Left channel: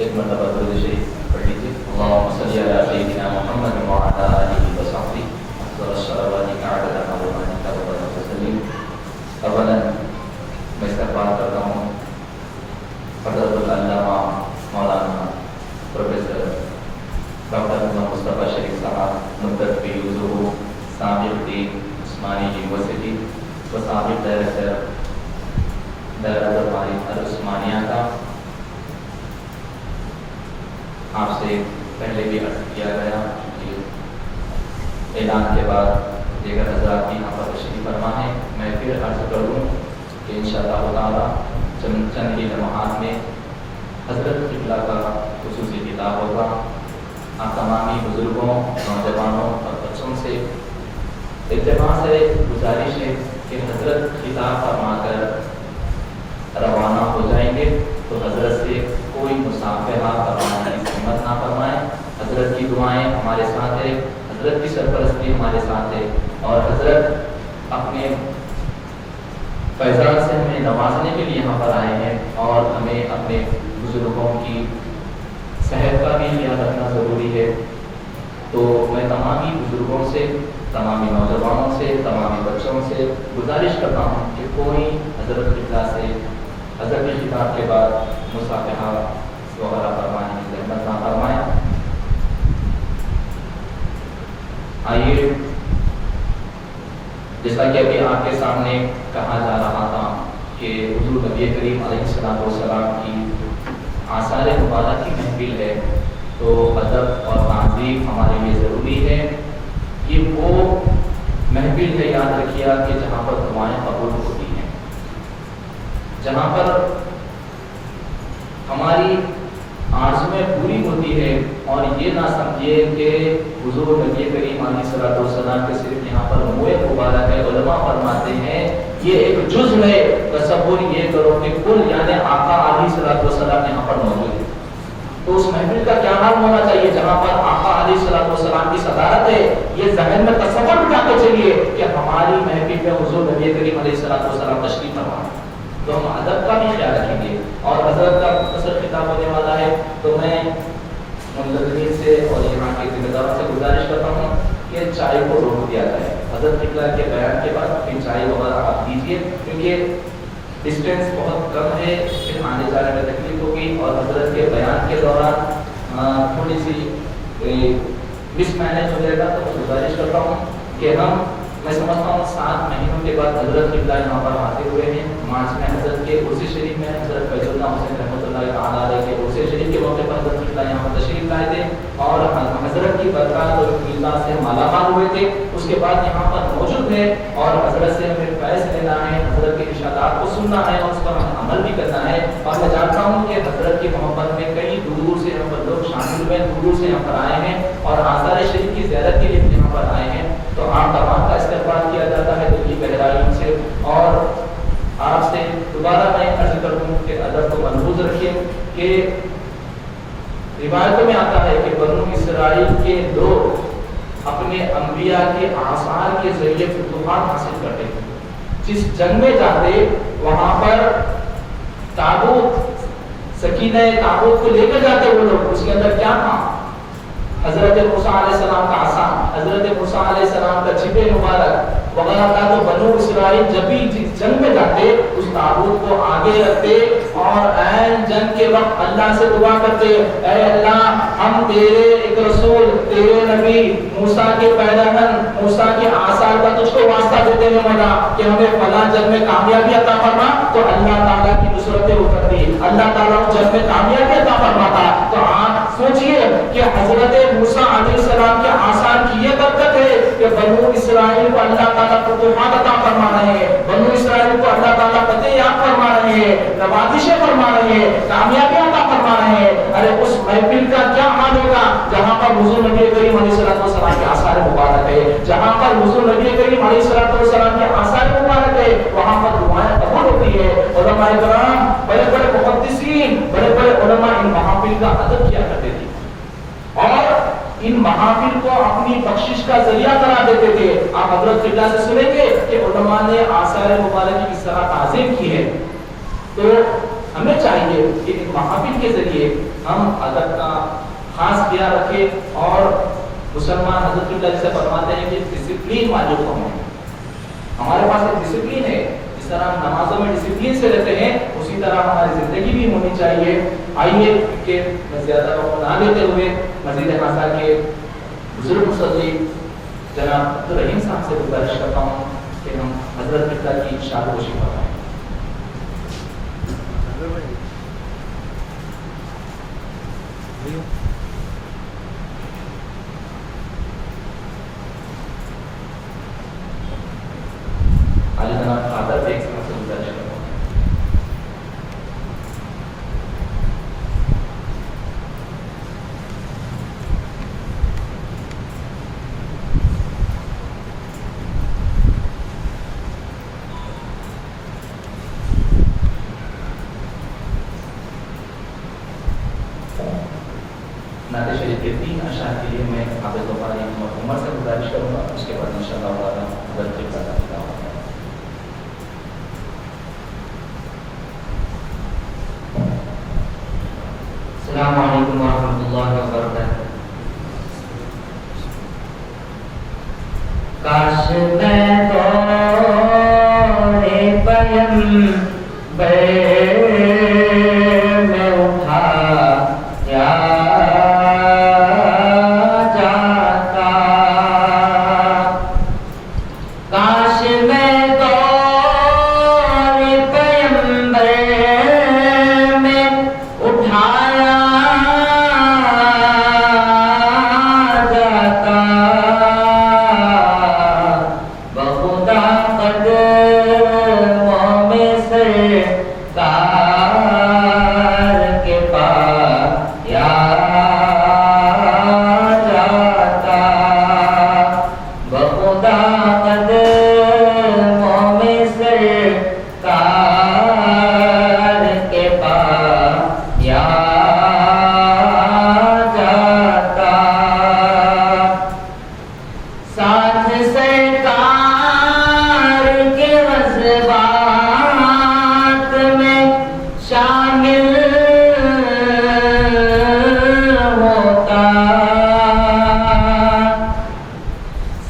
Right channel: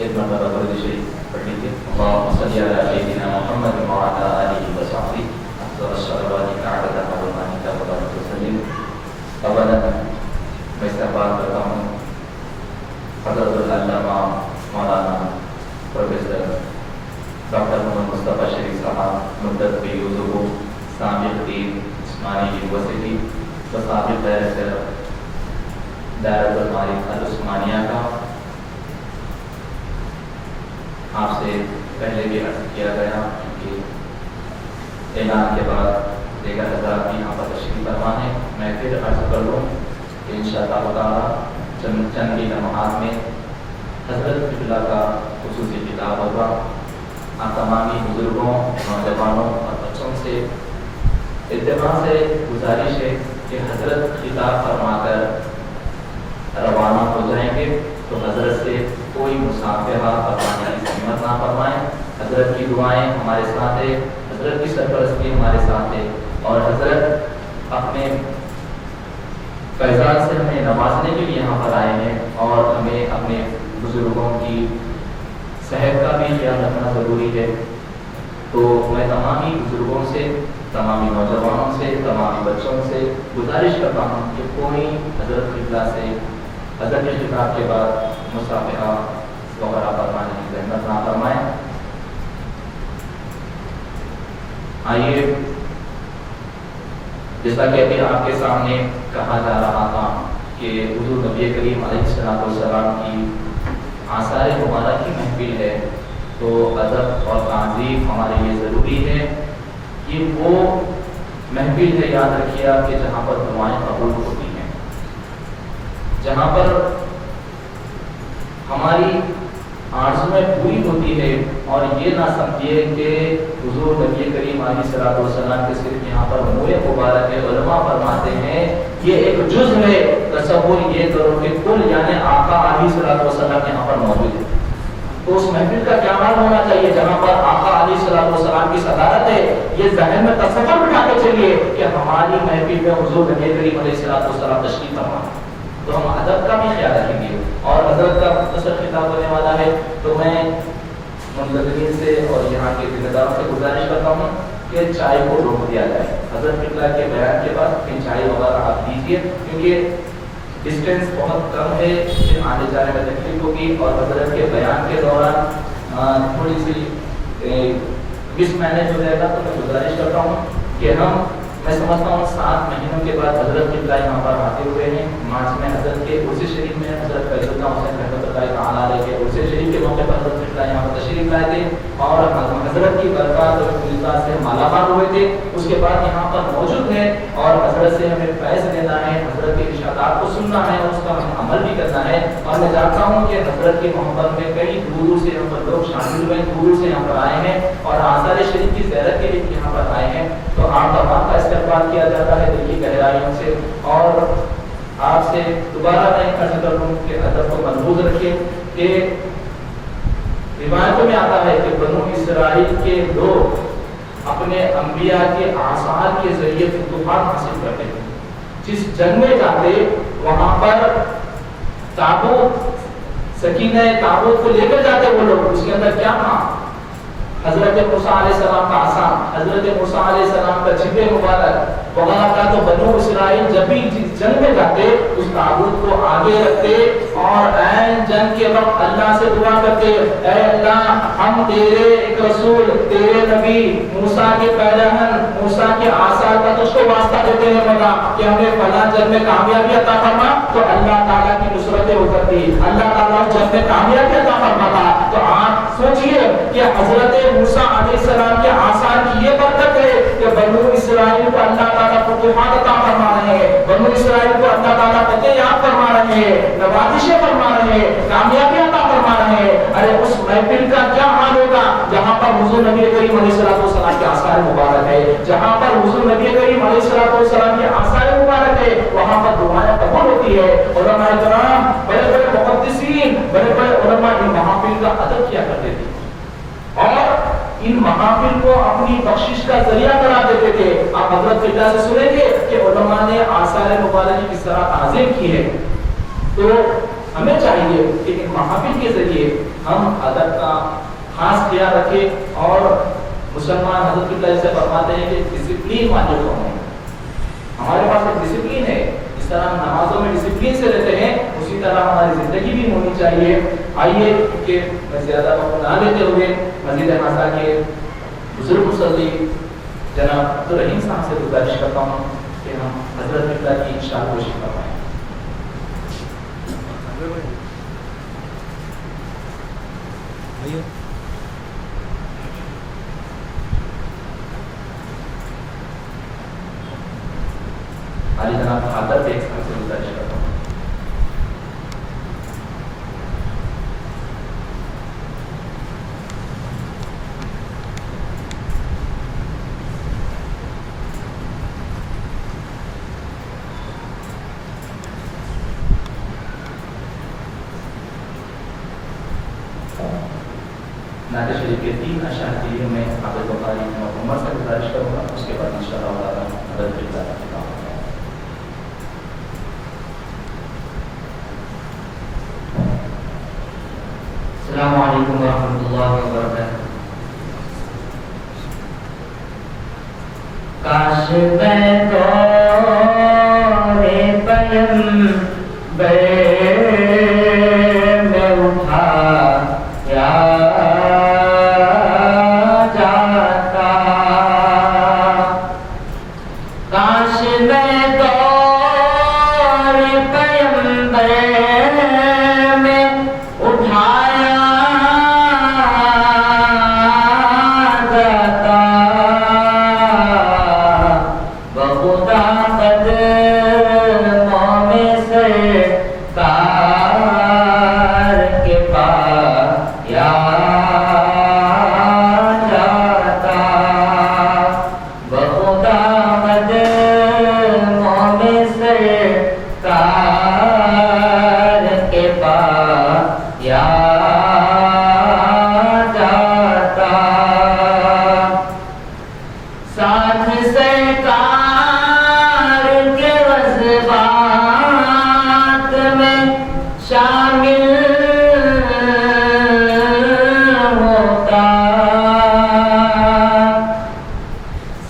ایک مرتبہ درود شریف پڑھ لیجیے. اللهم صل علی سیدنا محمد وعلی آلہ وصحبہ وسلم عدد معلوماتک وعدد رسولک. اولا میں استقبال کرتا ہوں حضرت العلامہ مولانا پروفیسر ڈاکٹر محمد مصطفیٰ شریف صاحب مدت بھی حضور سابق دین عثمانی یونیورسٹی و سابق ڈائریکٹر دائرۃ المعارف العثمانیہ کا. آپ سے پہلے بھی عرض کیا گیا کہ اعلان کے بعد دیگر حضرات بھی یہاں پر تشریف فرما ہے. میں پھر عرض کر لوں کہ انشاءاللہ تعالیٰ چند ہی لمحات میں حضرت اللہ کا خصوصی کتاب ہوگا. آپ تمامی بزرگوں نوجوانوں اور بچوں سے اجتماع سے گزارش ہے کہ حضرت خطاب فرما کر روانہ ہو جائیں گے تو حضرت سے کوئی مصافحہ کروانے کی ہمت نہ فرمائیں. حضرت کی دعائیں ہمارے ساتھ ہے, حضرت کی سرپرستی ہمارے ساتھ ہے, اور حضرت اپنے فیضان سے ہمیں نوازنے کے لیے یہاں پر آئے ہیں, اور ہمیں اپنے بزرگوں کی صحت کا بھی خیال رکھنا ضروری ہے. تو میں تمامی بزرگوں سے, تمامی نوجوانوں سے, تمامی بچوں سے گزارش کرتا ہوں کہ کوئی حضرت خطاب سے حضرت کے خطاب کے بعد مصافحہ وغیرہ فرمانے کی زحمت نہ فرمائیں. آئیے, جیسا کہ ابھی آپ کے سامنے کہا جا رہا تھا کہ حضور نبی کریم علیہ السلام کی آثار مبارک کی محفل ہے, تو ادب اور تعظیم ہمارے لیے ضروری ہے کہ وہ محفل ہے, یاد رکھیے کہ جہاں پر دعائیں قبول ہوتی ہیں, جہاں پر ہماری آرزویں پوری ہوتی ہے. اور یہ نہ سمجھیے کہ حضور نبی کریم علیہ السلام کے صرف یہاں پر موئے مبارک ہے. علماء فرماتے ہیں یہ ایک جزء ہے, تصور یہ کرو کہ کل یعنی آقا علیہ السلام یہاں پر موجود ہے. تو اس محفل کا کیا نام ہونا چاہیے جہاں پر آقا علیہ السلام کی صدارت ہے. یہ ذہن میں تصور بٹھا کے چلیے کہ ہماری محفل میں حضور نبی کریم علیہ السلام تشریف فرما, تو ہم ادب کا بھی خیال رکھیں گے. اور حضرت کا مختصر خطاب ہونے والا ہے, تو میں منتظرین سے اور یہاں کے ذمہ داروں سے گزارش کرتا ہوں کہ چائے کو روک دیا جائے. حضرت اقرار کے بیان کے بعد پھر چائے وغیرہ آپ دیجیے, کیونکہ ڈسٹینس بہت کم ہے, پھر آنے جانے میں تکلیف ہوگی. اور حضرت کے بیان کے دوران تھوڑی سی مس مینج ہو جائے گا. تو میں گزارش کرتا ہوں کہ میں سمجھتا ہوں 7 مہینوں کے بعد حضرت قبلہ یہاں پر آتے ہوئے ہیں. مارچ میں حضرت کے عرس شریف میں حضرت فیض اللہ حسین رحمۃ اللہ تعالیٰ علیہ کے عرس شریف کے موقع پر حضرت قبلہ یہاں پر تشریف لائے تھے, اور حضرت کی برکات اور قبلہ سے مالا مال ہوئے تھے. اس کے بعد یہاں پر موجود ہیں, اور حضرت سے ہمیں فیض لینا ہے, حضرت کے ارشادات کو سننا ہے, اور اس کا ہمیں عمل بھی کرنا ہے. اور میں جانتا ہوں کہ حضرت کی محبت میں کئی دور سے یہاں پر لوگ شامل ہوئے, دور سے یہاں پر آئے ہیں, اور آثار شریف کی زیارت کے لیے یہاں پر آئے ہیں. تو آپ تمام کا استقبال کیا جاتا ہے دل کی گہرائیوں سے. اور آپ سے دوبارہ میں عرض کروں کہ ادب کو محفوظ رکھیے کہ روایتوں میں آتا ہے کہ بنو اسرائیل کے لوگ اپنے انبیاء کے آثار کے ذریعے فتوحات حاصل کرتے ہیں. جس جنگ میں جاتے وہاں پر تابوت, سکینہ تابوت کو لے کر جاتے وہ لوگ, اس کے اندر کیا تھا؟ حضرت موسیٰ علیہ السلام کا عصا, حضرت موسیٰ علیہ السلام کا جبہ مبارک وغیرہ کا. تو بنو اسرائیل جب بھی جنگ میں جاتے اس تابوت کو آگے رکھتے, اور عین جنگ کے وقت اللہ سے دعا کرتے, اے اللہ ہم تیرے ایک رسول, تیرے نبی موسیٰ کے پیرہن, موسیٰ کے آثار کا تجھ کو واسطہ دیتے ہوئے ملا کہ ہمیں فلاں جنگ میں کامیابی عطا فرما. تو اللہ تعالیٰ کی نصرتیں وہ کرتی, اللہ تعالیٰ اس جنگ میں کامیابی عطا فرماتا. تو آپ سوچئے کہ حضرت موسیٰ علیہ السلام کے آثار کی یہ برکت ہے کہ بنو اسرائیل کو اللہ تعالیٰ فتوحات عطا فرما رہے ہیں, بنو اسرائیل کو اللہ تعالیٰ فتح یاب فرما رہے ہیں, نوازشیں فرما رہے ہیں, کامیابیاں عطا فرما رہے ہیں. ارے اس محفل کا کیا حال ہوگا جہاں پر حضور نبی کریم علیہ السلام کے آثار مبارک ہے, جہاں پر حضور نبی کریم علیہ السلام کے آثار مبارک ہے, وہاں پر دعائیں قبول ہوتی ہے. علماء کرام, بڑے بڑے محدثین, بڑے بڑے علماء ان محافل کا ادب کیا کرتے تھے, اور ان محافل کو اپنی بخشش کا ذریعہ قرار دیتے تھے. آپ حضرت قبلہ سے سنیں گے کہ علماء نے آثار مبارک کی کس طرح تعظیم کی ہے. تو ہمیں چاہیے کہ ان محافل کے ذریعے ہم ادب کا خاص خیال رکھیں اور مسلمان حضرت اللہ سے فرماتے ہیں کہ ڈسپلین واجب ہوں. ہمارے پاس ایک ڈسپلین ہے، جس طرح ہم نمازوں میں ڈسپلین سے رہتے ہیں اسی طرح ہماری زندگی بھی ہونی چاہیے. آئیے کہ میں زیادہ وقت نہ لیتے ہوئے مزید خاصا کے بزرگ مصلی جناب عبدالرحیم صاحب سے گزارش کرتا ہوں کہ ہم حضرت قبلہ کی شاد گوشی فرمائیں. علی جناب حضرت ایک صاحب سے گزارش کرتا ہوں. نعت شریف کے 3 اشعار کے لیے میں حضرت بخاری عمر سے گزارش کروں گا، اس کے بعد انشاءاللہ تعالی حضرت قبلہ کا خطاب ہوگا. السلام علیکم ورحمۃ اللہ وبرکاتہ. کاش میں دورے پیغمبر میں اٹھایا جاتا، کاش میں دورے پیغمبر میں اٹھایا جاتا، بخدا قدموں میں سرکار کے پایا جاتا، بخدا قدموں میں سرکار کے پایا جاتا، ساتھ سرکار کے وزبات میں شامل ہوتا،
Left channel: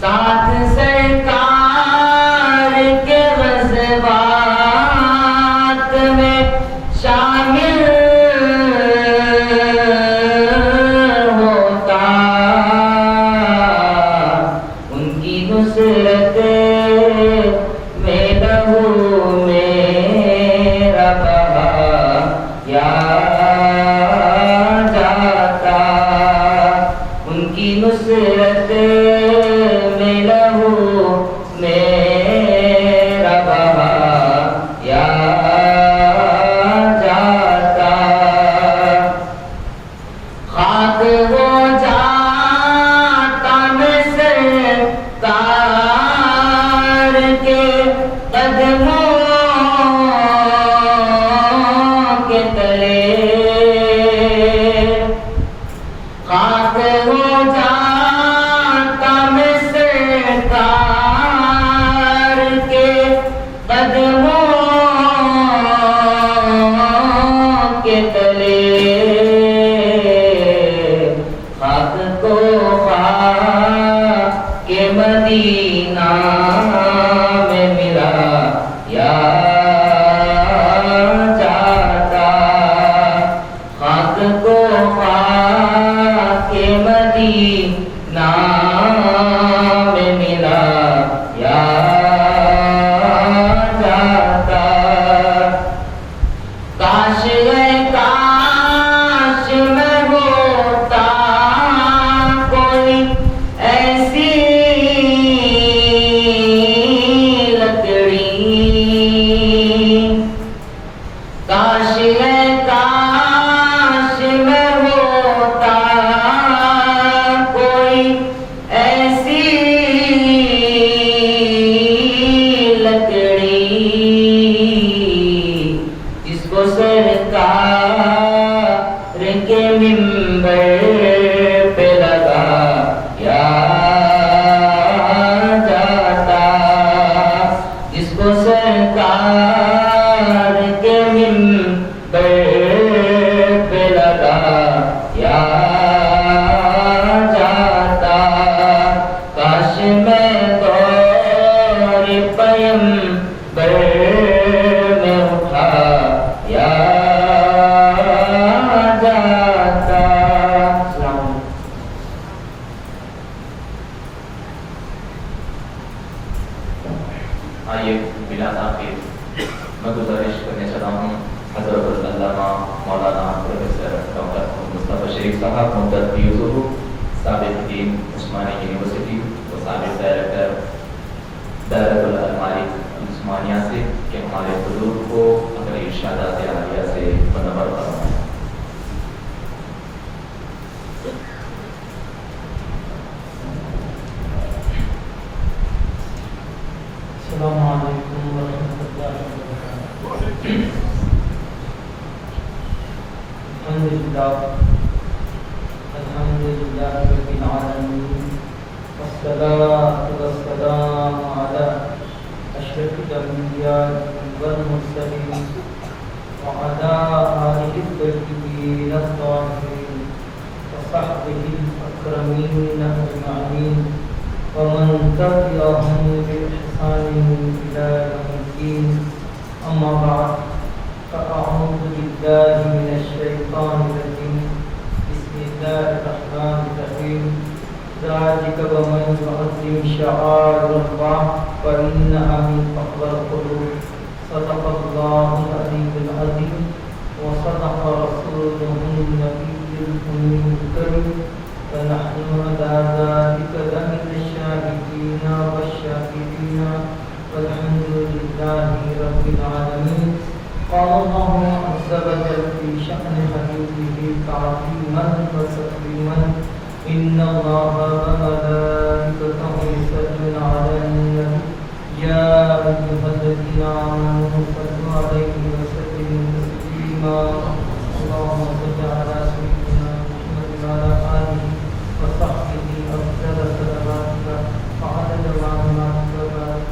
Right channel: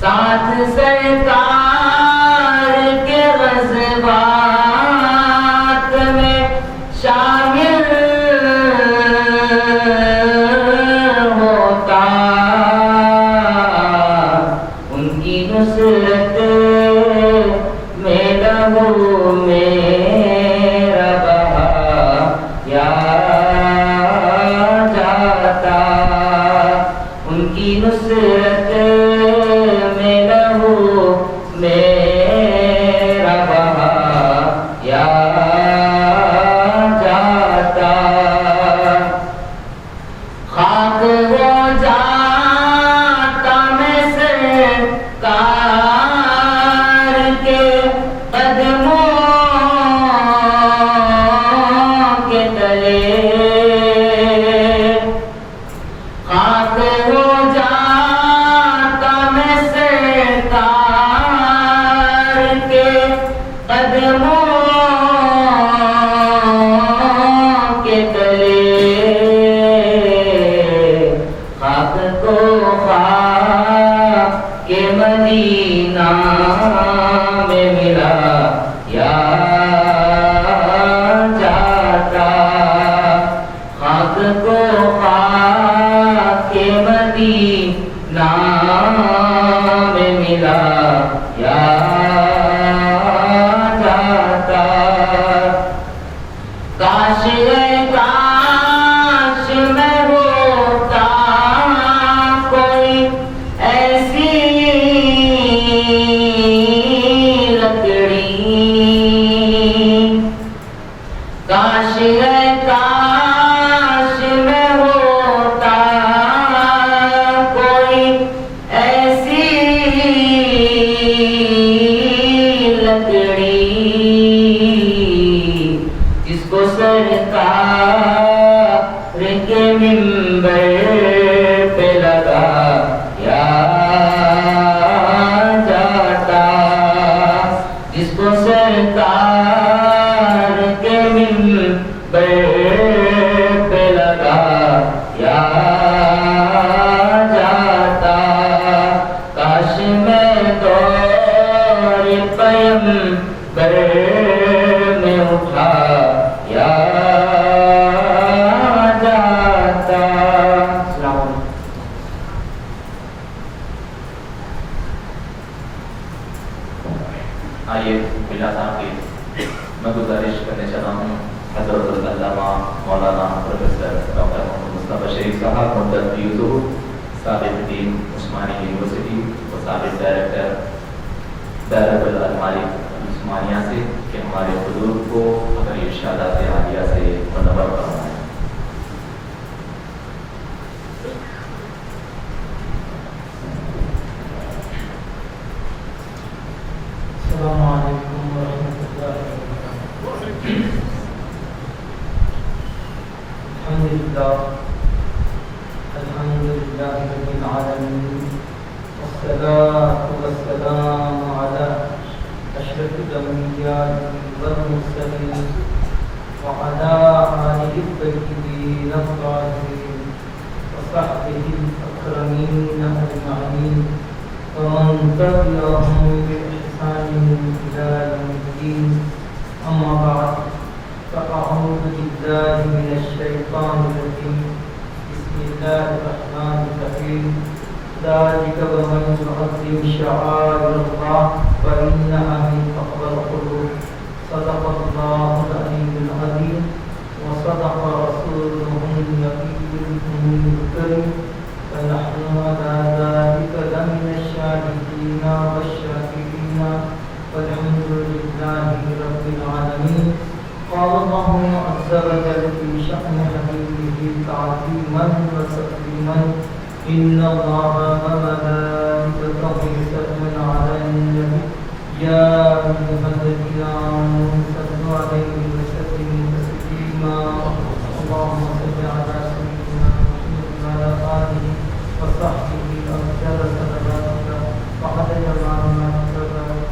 ساتھ سرکار کے وزبات میں شامل ہوتا، ان کی نصرت میں لہو میرا بہایا جاتا، ان کی نصرت میں لہو میرا بہایا جاتا، خاک ہو جاتا میں سرکار کے قدموں کے تلے، خاک ہو جاتا میں سرکار کے قدموں کے تلے، خاک کو خاک کے مدینہ میں ملا یا جاتا، خاک کو خاک کے مدینہ میں ملا یا جاتا، کاش کاش میں ہوتا کوئی ایسی لکڑی، کاش کاش میں ہوتا کوئی ایسی لکڑی، جس کو سرکار کے منبر پہ لگایا جاتا، جس کو سرکار کے منبر شیخ صاحب مدت سابق دین عثمانی یونیورسٹی و سابق ڈائریکٹر دائرۃ المعارف عثمانیہ سے کہ ہمارے حضور کو اپنی ارشادات عالیہ سے منور فرمائیں۔ السلام علیکم ورحمۃ اللہ وبرکاتہ۔ الحمد للہ رب العالمین، والصلاة والسلام علی اشرف الانبیاء والمرسلین وعلی آلہ الطیبین الطاہرین وصحبہ الاکرمین اجمعین ومن تبعهم بإحسان إلى يوم الدين، أما بعد، فأعوذ بالله من الشيطان الرجيم، بسم الله الرحمن الرحيم، ذلك ومن يعظم شعائر الله فإنها من تقوى القلوب، صدق الله العلي العظيم، وصدق رسوله النبي الأمي الكريم، ونحن على ذلك لمن الشاهدين والشاكرين، والحمد لله رب العالمين۔ قال الله عز وجل في شأن حبيبه تعظيما وتكريما، إن الله وملائكته يصلون على النبي يا أيها الذين آمنوا صلوا عليه وسلموا تسليما، اللهم صل على سيدنا محمد وعلى آله وصحبه وسلم تسليما، وعلى آله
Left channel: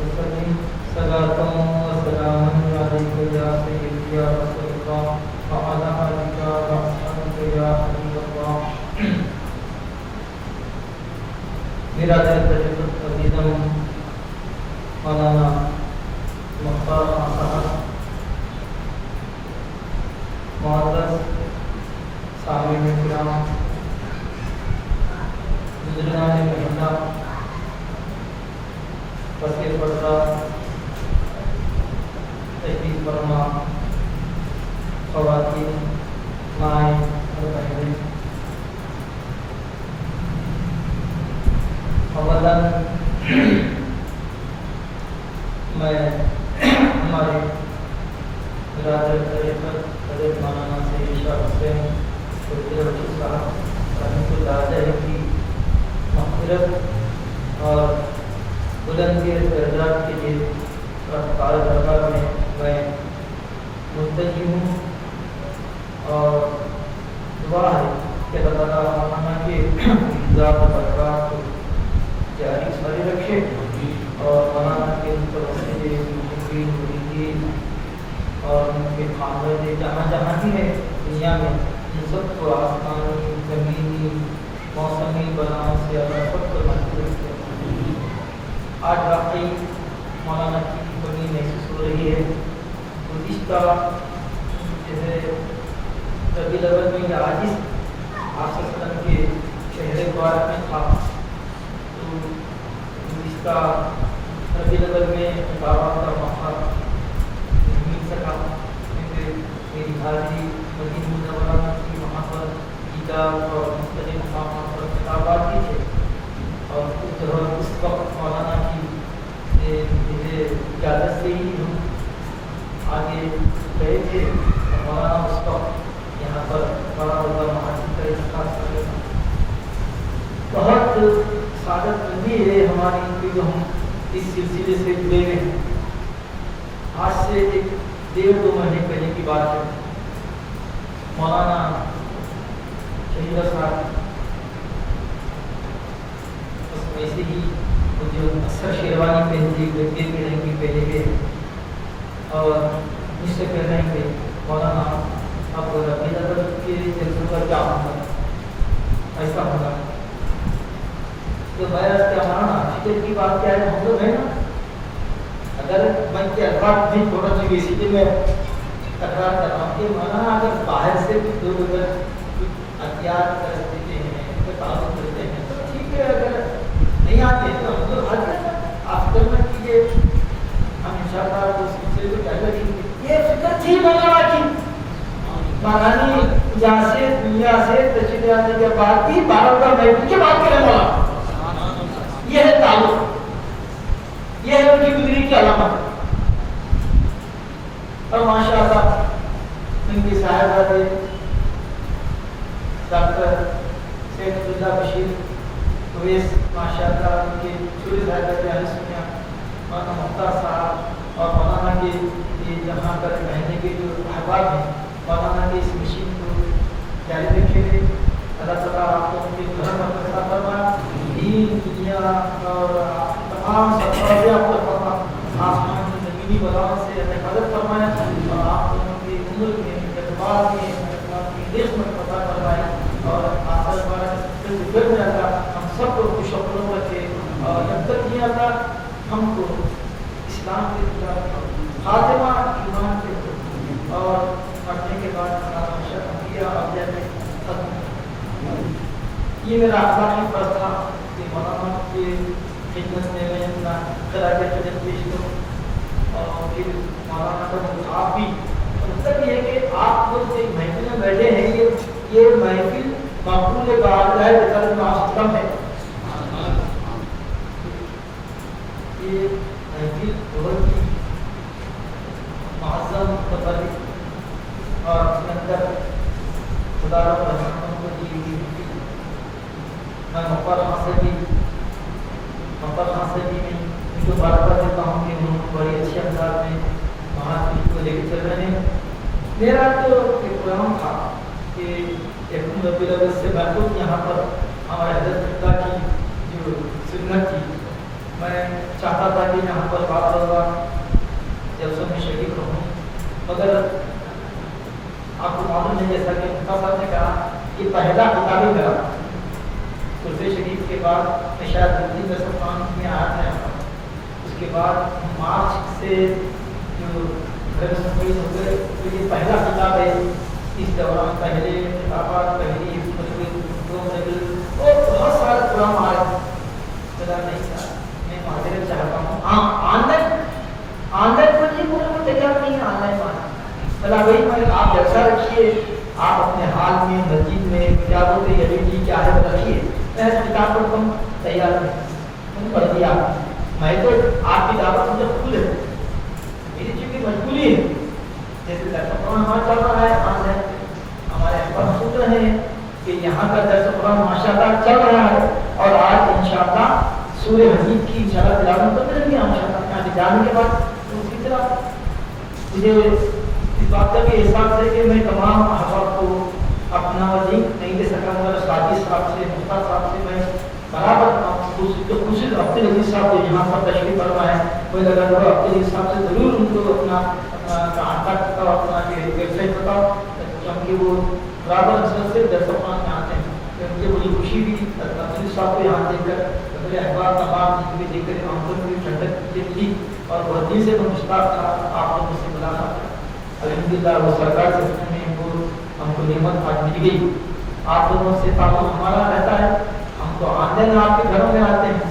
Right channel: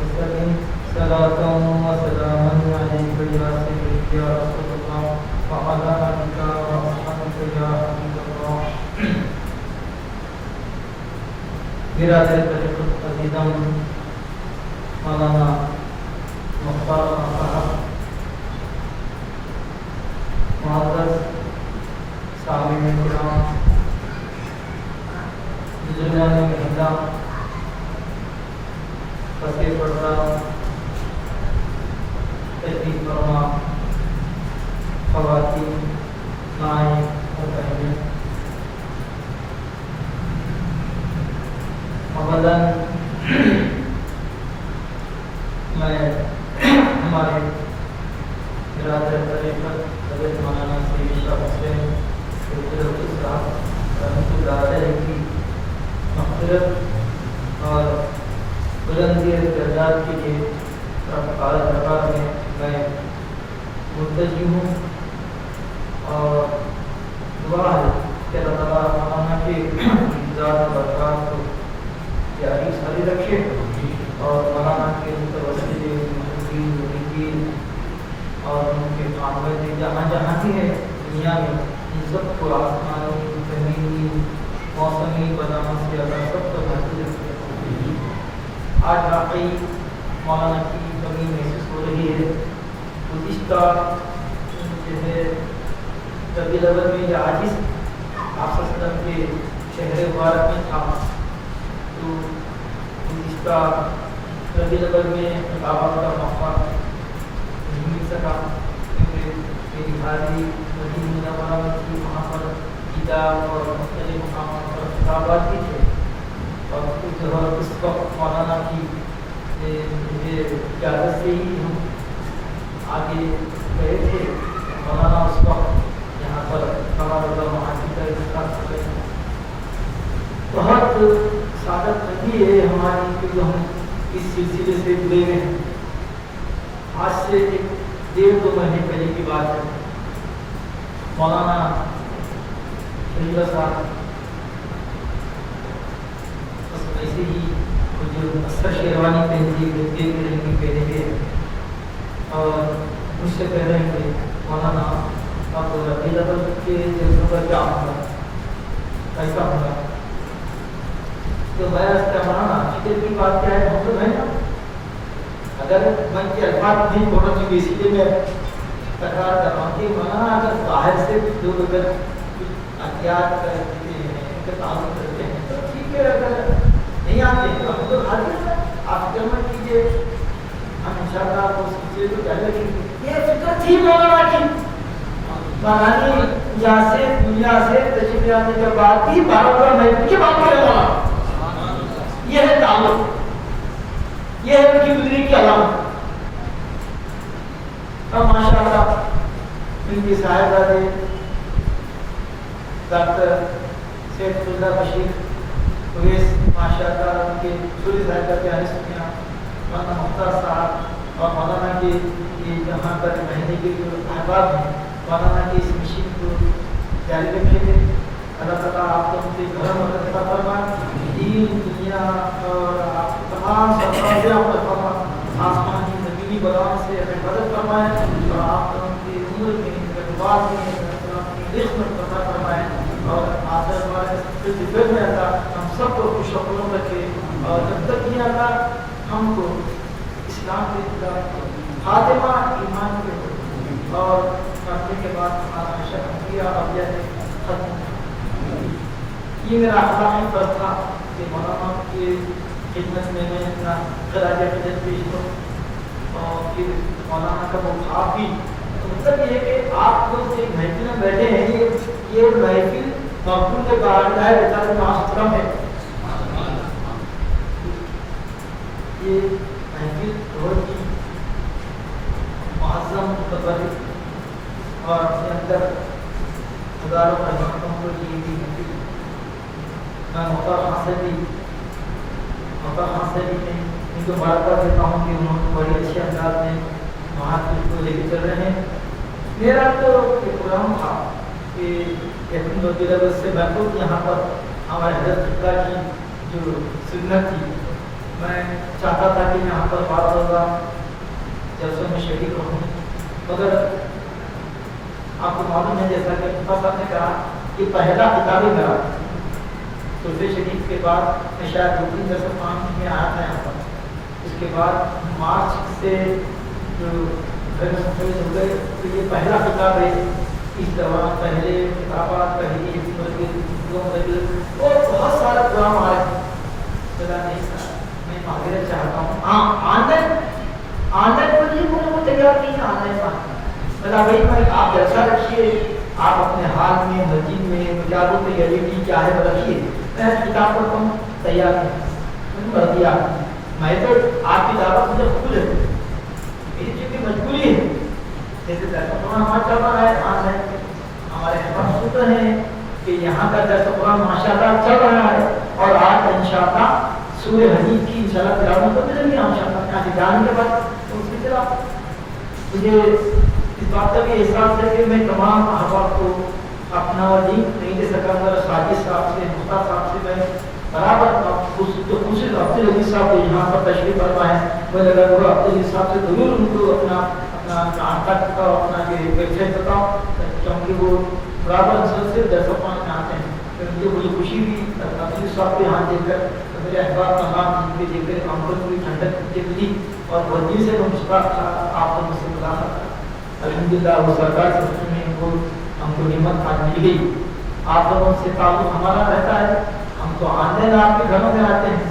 وسلم صلاة وسلاما عليك يا سيدي يا رسول الله، وعلى آلك وأصحابك يا حبيب الله۔ میرا عزیزم مولانا مختار صاحب، معزز سامعین کرام، بزرگان مہینہ، پسے پردہ تشریف فرما خواتین، مائیں و بہنیں، اولاً میں ہمارے برادر طریقت حضرت مولانا سید شاہ حسین صاحب رحمۃ اللہ علیہ کی مغفرت اور بلندی درجات کے لیے درگاہ میں میں ملتجی ہوں، اور دعا ہے کہ اللہ تعالیٰ مولانا کے ذات و برکات کو جاری ساری رکھے، اور مولانا کے متوسل محبین مریدین اور ان کے خاندان جہاں جہاں بھی ہے دنیا میں، ان سب کو آسمانی، زمینی، موسمی بلا سے اللہ سب کو محفوظ رکھے۔ آج واقعی مولانا کی کمی محسوس ہو رہی ہے۔ گزشتہ جیسے ربیع الاول میں یہ عاجز آپ صلی اللہ علیہ وسلم کے چہرے مبارک میں تھا، تو اس کا ربیع الاول میں عبادت کا موقع نہیں مل سکا، کیونکہ میری حاضری مدینہ منورہ کی وہاں پر کتاب اور مختلف مقامات پر خطابات بھی تھے، اور اس وقت مولانا کی مجھے اجازت سے ہی ہم آگے گئے تھے۔ مولانا اس وقت یہاں پر بڑا بڑا محاذ کا احساس کر رہے ہیں۔ بہت سعادت مندی ہے ہماری کہ جو ہم اس سلسلے سے جڑے ہوئے ہیں۔ آج سے 1.5-2 مہینے پہلے کی بات ہے، مولانا شہید صاحب ایسے ہی جو اکثر شیروانی پہنتی دیکھتے رہیں گے پہلے کے، اور مجھ سے کہہ رہے ہیں مولانا آپ ربیع الاول کے جلسوں پر کیا ہوگا، ایسا ہوگا، تو میں کیا مولانا فکر کی بات کیا ہے، ہم لوگ ہیں نا، اگر میں کے الفاظ نہیں تھوڑا سا اسی لیے میں تکرار کر رہا ہوں کہ مولانا اگر باہر سے لوگ اگر احتیاط کر دیتے ہیں، تعلق کرتے ہیں تو ٹھیک ہے، اگر نہیں آتے ہیں ہم لوگ حاضر ہیں، آپ خدمت کیجیے، ہم انشاءاللہ اس سلسلے میں پہلے کی یہ فکر تھی مولانا کی، مولانا यहाँ से दुनिया से तशरीफ आने के बाद भी 12 महफिल के बाद मिले मौला। ये है ताल्लुक, ये है उनकी गुजरी की अलामत। और माशाअल्लाह इनके साहिबजादे डॉक्टर सैयद बशीर उवैस माशाअल्लाह उनके छोटे साहिबजादे प्यारे सुनिया मौलाना मुख्तार साहब और मौलाना के ये यहाँ पर रहने के जो अहबाब हैं, मौलाना के इस मिशन को जारी रखेंगे। अल्लाह ताला आपको उनके धर्म अता फरमाए, दीन दुनिया और तमाम सत्तावें आपको फरमा आसमान की ज़मीनी बलाओं से हिफाजत फरमाए और आप उनकी उम्र में इक़बाल में अपनी रिज़्क़ में अता फरमाए और आखिर हमारे सबसे गुजर में आता हम सबको खुशखबरों रखे और जब तक ये आता हमको इस्लाम के खातिमा ईमान के और मरने के बाद हमारा शक्रिया और खत्म। ये मेरा अखलाकी फैसला कि मौलाना के खिदमत में मैं अपना खराज पेश करूँ और फिर मौलाना का मुखाब भी मतलब ये है कि आप लोग एक महफिल में बैठे हैं, ये महफिल मकबूल बात है, बेहतर है। ये महफिल बहुत ही मुअज़्ज़म मुतबर्रिक और इसके अंदर खुदारों का नाम को दी गई महफिल मैं मौका हासिल भी नहीं इनको बराबर देता हूँ कि उन्होंने बड़ी अच्छे अंदाज में महात्मा को लेकर चल रहे हैं। मेरा तो एक प्रोग्राम था कि से महफूज यहाँ पर हमारे हज़रत की जो सुन्नत थी, मैं चाहता था कि यहाँ पर बात होगा जलसों में शरीक रहूँ, मगर आपको मालूम है जैसा कि साहब ने कहा कि पहला किताब ही मेरा दूसरे शरीफ के बाद मैं शायद 2-3 दरस में आया था यहाँ पर। उसके बाद मार्च से जो हो गए तो ये पहला किताब है। इस दौरान पहले किताबात पहली तो बहुत सारे प्रोग्राम आ रहे हैं। मैं माजरत चाहता हूँ, हाँ ऑनलाइन तो जी को तैयार नहीं है ऑनलाइन भाई भाई आप जैसा रखिए, आप अपने हाल में मस्जिद में मुजादों पे एलईडी क्या है रखिए, मैं किताब पर कम तैयार नहीं कर दिया। मैं तो आपकी दावत मुझे खुद है, मेरी चूँकि मजबूरी है, जैसे दर्शकों हमारा चल रहा है ऑनलाइन, हमारे अहम सूत्र हैं कि यहाँ का दर्शकों माशाअल्लाह चल रहा है और आज इंशाअल्लाह सूर्य हदीद की इंशाअल्लाह तिलावत तो मिलेंगे यहाँ से जाने के बाद। तो उसी तरह मुझे इस बात का भी एहसास है कि मैं तमाम अहबाब को अपना लिंक नहीं दे सका, मगर साजिद साहब से मुस्ताद साहब से मैं बराबर खुश अब्दुल अजीज साहब को यहाँ पर तशरीफ फरमा है, मुझे लगा कि अब्दुल अजीज साहब से ज़रूर उनको अपना कांटेक्ट बताओ, अपना वेबसाइट बताओ, क्योंकि वो बराबर असल से दर्शकों में आते हैं। तो मुझे बड़ी खुशी भी अब्दुल साहब को यहाँ देखकर, मेरे अहबाब तमाम जिनके देखकर हमको पूरी ठंडक मिली और वर्दी से मैं मुश्ताक था आपको मुझसे मिला था। अल्हम्दुलिल्लाह वो सरकार से उसमें वो हमको निमत आज मिल गई। आप लोगों से ताल्लुक हमारा रहता है, हम तो ऑनलाइन आपके घरों में आते हैं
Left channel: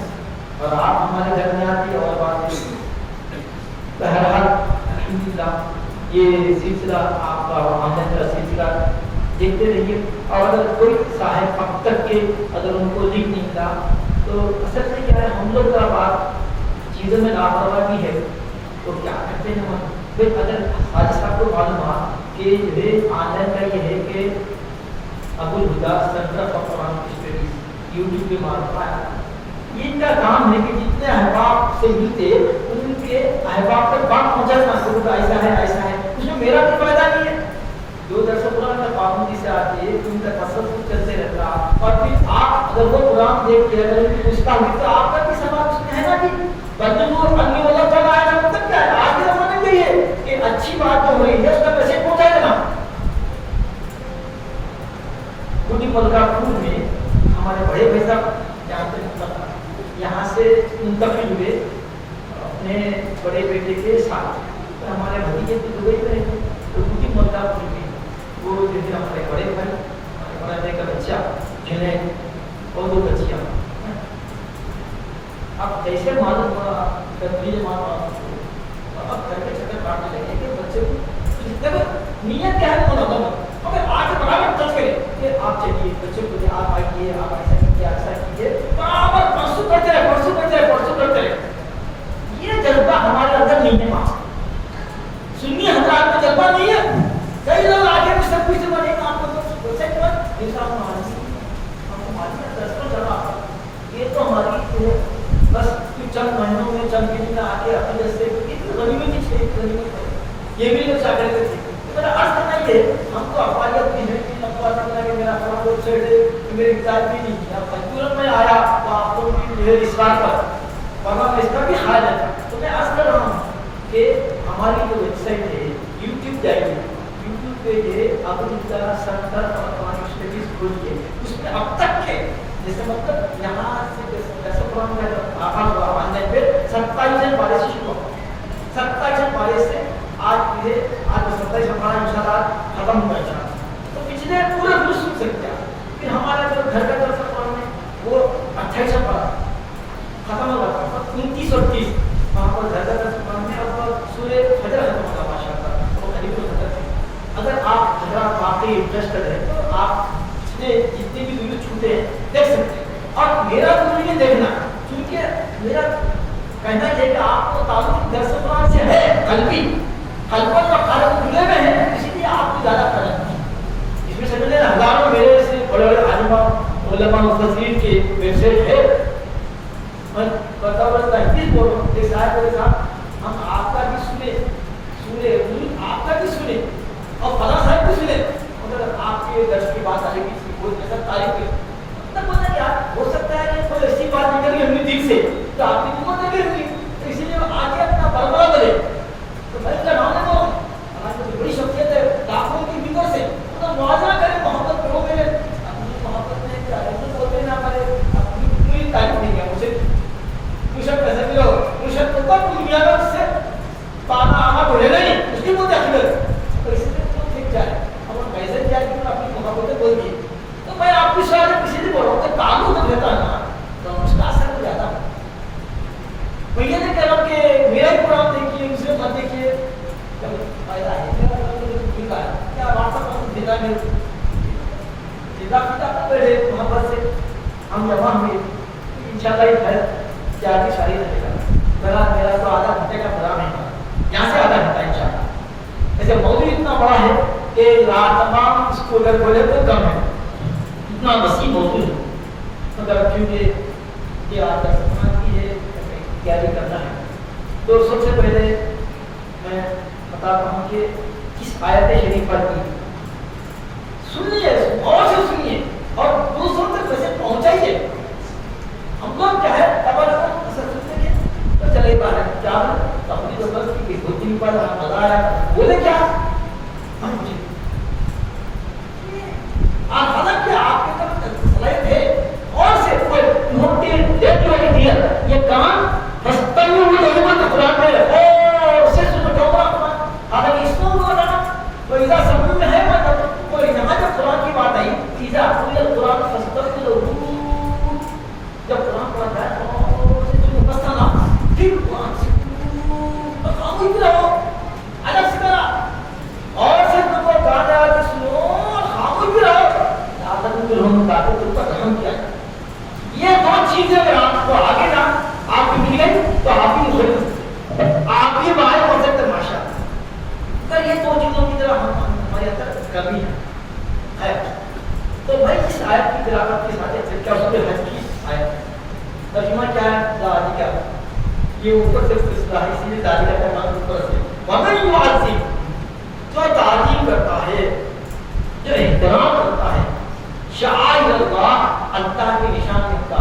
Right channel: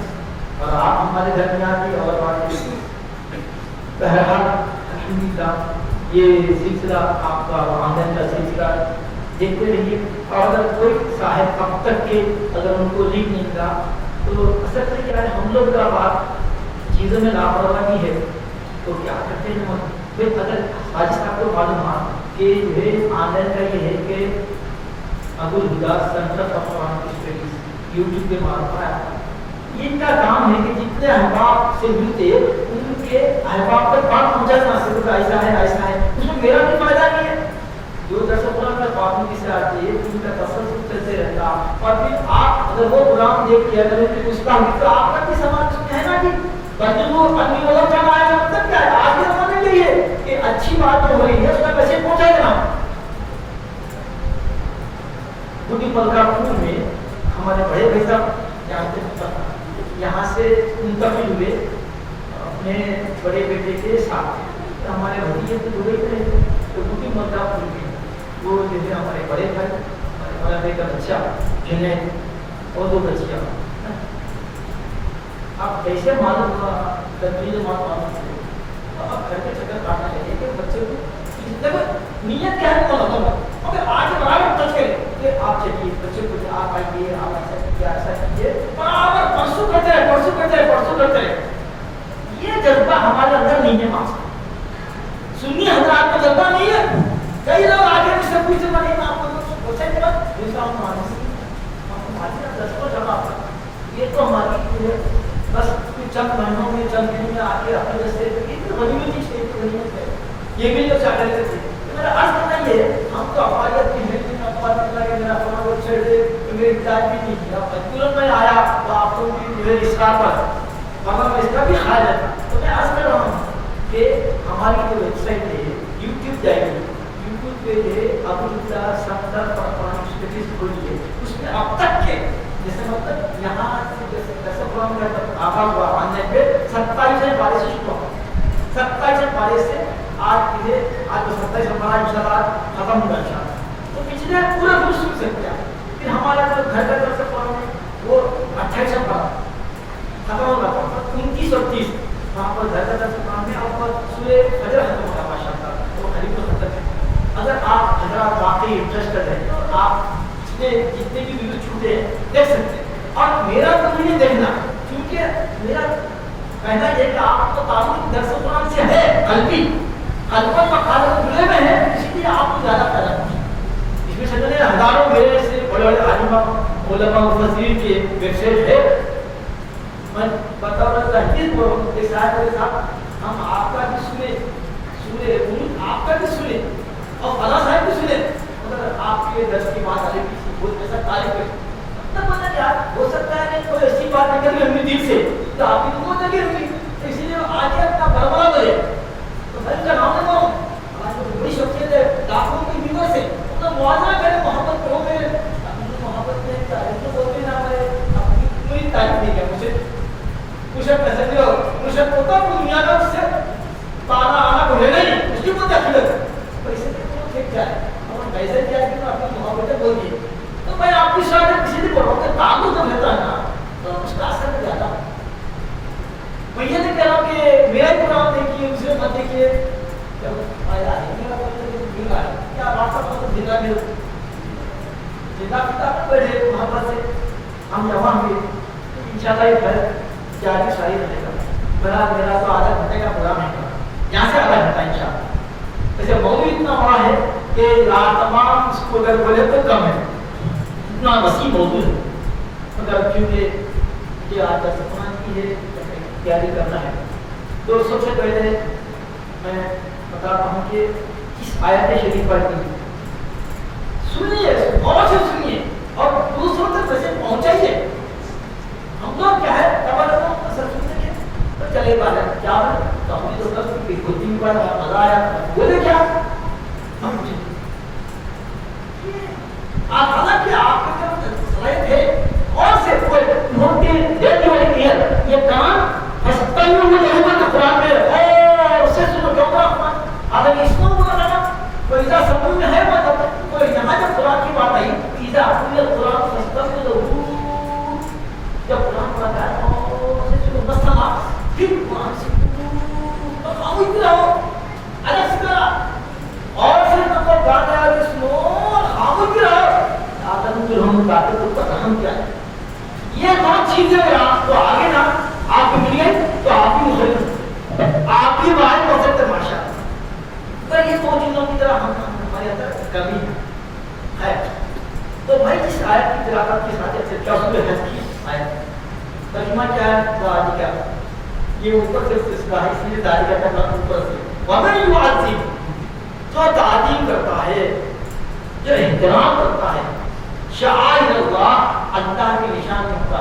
और आप हमारे घर में आती है और बात बहरहाल अल्हम्दुलिल्लाह ये सिलसिला आपका ऑनलाइन का सिलसिला देखते रहिए। और अगर कोई साहिब वक्त तक के अगर उनको लिख नहीं था तो असल से क्या है, हम लोग का बात चीज़ों में लापरवाही है तो क्या करते हैं हम। फिर अगर आज आपको मालूम हुआ कि वे ऑनलाइन का ये है कि Abul Huda centre of Quranic studies YouTube के मालूम आया, इनका काम है कि जितने अहबाब से मिलते उनके अहबाब तक बात पहुँचाना, सिर्फ ऐसा है उसमें मेरा भी फायदा नहीं है। जो दर्शक पाबंदी से आती है उनका तसव्वुर चलते रहता और फिर आप जब वो कुरान देख के अगर पूछता हूँ तो आपका भी सवाल उसमें है ना कि बच्चों अन्य लोग चल रहा है, मतलब क्या है आज समझ गई है कि अच्छी बात हो रही है उसका मैसेज पहुँचाएगा। पूरी पलकापुर में हमारे बड़े भाई साहब यहाँ से मुंतकिल हुए अपने बड़े बेटे के साथ, तो हमारे भतीजे तो दुबई में रहते तो पूरी मुल्तापुर में वो जो है हमारे बड़े भाई हमारा भाई का बच्चा जिन्हें और 2 बच्चियाँ, अब कैसे मालूम हुआ अब करके चक्कर काटने लगे कि बच्चे को नियत क्या है बोला अगर आज बराबर हमेशा हमारी दसों जगह ये तो हमारी बस चंद महीनों में चंद दिन में आके अपने जैसे गनीमत है ये भी अच्छा कर सकते मेरा अर्थ करना ये हम तो हमारी अपनी है कि मेरा थोड़ा बहुत छेड़े मेरे इख्तियार भी नहीं है तुरंत मैं आया तो आप लोगों की जो है इस्लाम पर वरना मैं इसका भी ख्याल है तो मैं अर्ज कर रहा हूँ कि हमारी जो वेबसाइट है यूट्यूब जाइए यूट्यूब पे जो है अब्दुल्ला सरदार और स्टेटस खोलिए उसमें अब तक के जैसे मतलब यहाँ से जैसे कुरान में आगाज हुआ मानने पे 27 पारे से शुरू हुआ 27 पारे से आज ये आज 27 हमारा इंशाल्लाह खत्म होना चाहिए तो पिछले पूरा दूर सुन सकते हैं फिर हमारा जो घर का दर्शक कुरान में वो 28 पारा खत्म होगा तो 29 और 30 वहाँ पर घर का दर्शक कुरान में अब सूर्य फजर खत्म होगा माशाअल्लाह तो करीब तो खत्म है अगर आप अगर वाकई इंटरेस्टेड है तो आप इसमें जितने भी वीडियो छूटे हैं देख सकते हैं और मेरा तो ये देखना क्योंकि मेरा कहना है कि आपको ताल्लुक दर्शक कुरान से है कल्बी कल्पन व खालत जुड़े हुए हैं इसलिए आपको ज़्यादा करना इसमें समझ हजारों मेरे से बड़े बड़े आलिमा उलमा मुफस्सिरीन के वेबसाइट है मैं बता बता हदीस बोल रहा हूँ एक साहब के साथ हम आपका भी सुने आपका भी सुने और फला साहब भी सुने मतलब आपके दर्श की बात आएगी बहुत ऐसा तारीफ है तब पता क्या हो सकता है कि कोई ऐसी बात निकल गई अपने दिल से तो आपकी तो बहुत लगी होगी इसीलिए आगे अपना बरबरा करे तो भाई का नाम देखो हमारी बड़ी शख्सियत है लाखों की मीटर से तो मुआवजा करें मोहब्बत करो मेरे मोहब्बत में क्या है बोलते ना हमारे अपनी कोई तारीफ नहीं है मुझे मुझे पैसा दियो मुझे तो दुनिया का उससे पाना आना बोलेगा ही उसकी कोई दखल है तो इसलिए तो ठीक है हम वैसे क्या कि अपनी मोहब्बत बोल दी तो मैं आपकी शायद किसी से बोल रहा हूँ ताल्लुक जब लेता है ना तो उसका असर हो जाता है मैं ये नहीं कह रहा हूँ कि मेरा ही प्रोग्राम देखिए दूसरे मत देखिए जब आया है क्या वार्ता को देना में जितना पिता पढ़े मोहब्बत से हम यहाँ भी इंशाल्लाह ये घर क्या की शादी रहेगा मेरा तो आधा घंटे का प्रोग्राम है यहाँ से आधा घंटा इंशाल्लाह ऐसे मौजूद इतना बड़ा है कि तमाम इसको अगर बोले तो कम है इतना वसी मौजूद है मतलब क्योंकि ये आज समान की है तैयारी करना है तो सबसे पहले मैं बताता हूँ कि किस आयत शरीफा की सुनिए और से सुनिए और दूसरों तक वैसे पहुँचाइए हम लोग क्या है सुनने तो चले पाना क्या तो हमारी जो बस की कोचिंग पर मजा आया बोले क्या हम हालांकि आपके तरफ सलाहियत है और से कोई नोटिस डेट वाली क्लियर ये काम हस्ता में वो जरूरत कुरान में और उससे सुनो होगा अगर इसको बोला ना तो इधर सब में है मतलब तो यहाँ जब कुरान की बात आई इधर आपको कुरान हस्ता में जब कुरान पढ़ा है और उसे सुनो बस ना फिर कुरान से तो हम इतना हो अलग से करा और फिर मतलब गाना सुनो हम भी रहो आदत में हम ताकत को पता हम क्या ये दो चीजें अगर आपको आगे ना आप मिले तो आप ही मुझे आप ही बाहर पहुंच सकते माशा पर ये दो चीजों की तरह हम हमारे अंदर कमी है तो भाई जिस आयत की तिलावत के साथ चर्चा उसमें हज की आयत तर्जुमा क्या है दादी क्या ये ऊपर से सिलसिला है इसलिए दादी का नाम ऊपर से वमन युअज़्ज़िम जो ताज़ीम करता है जो एहतराम करता है शाइर अल्लाह अल्लाह के निशान का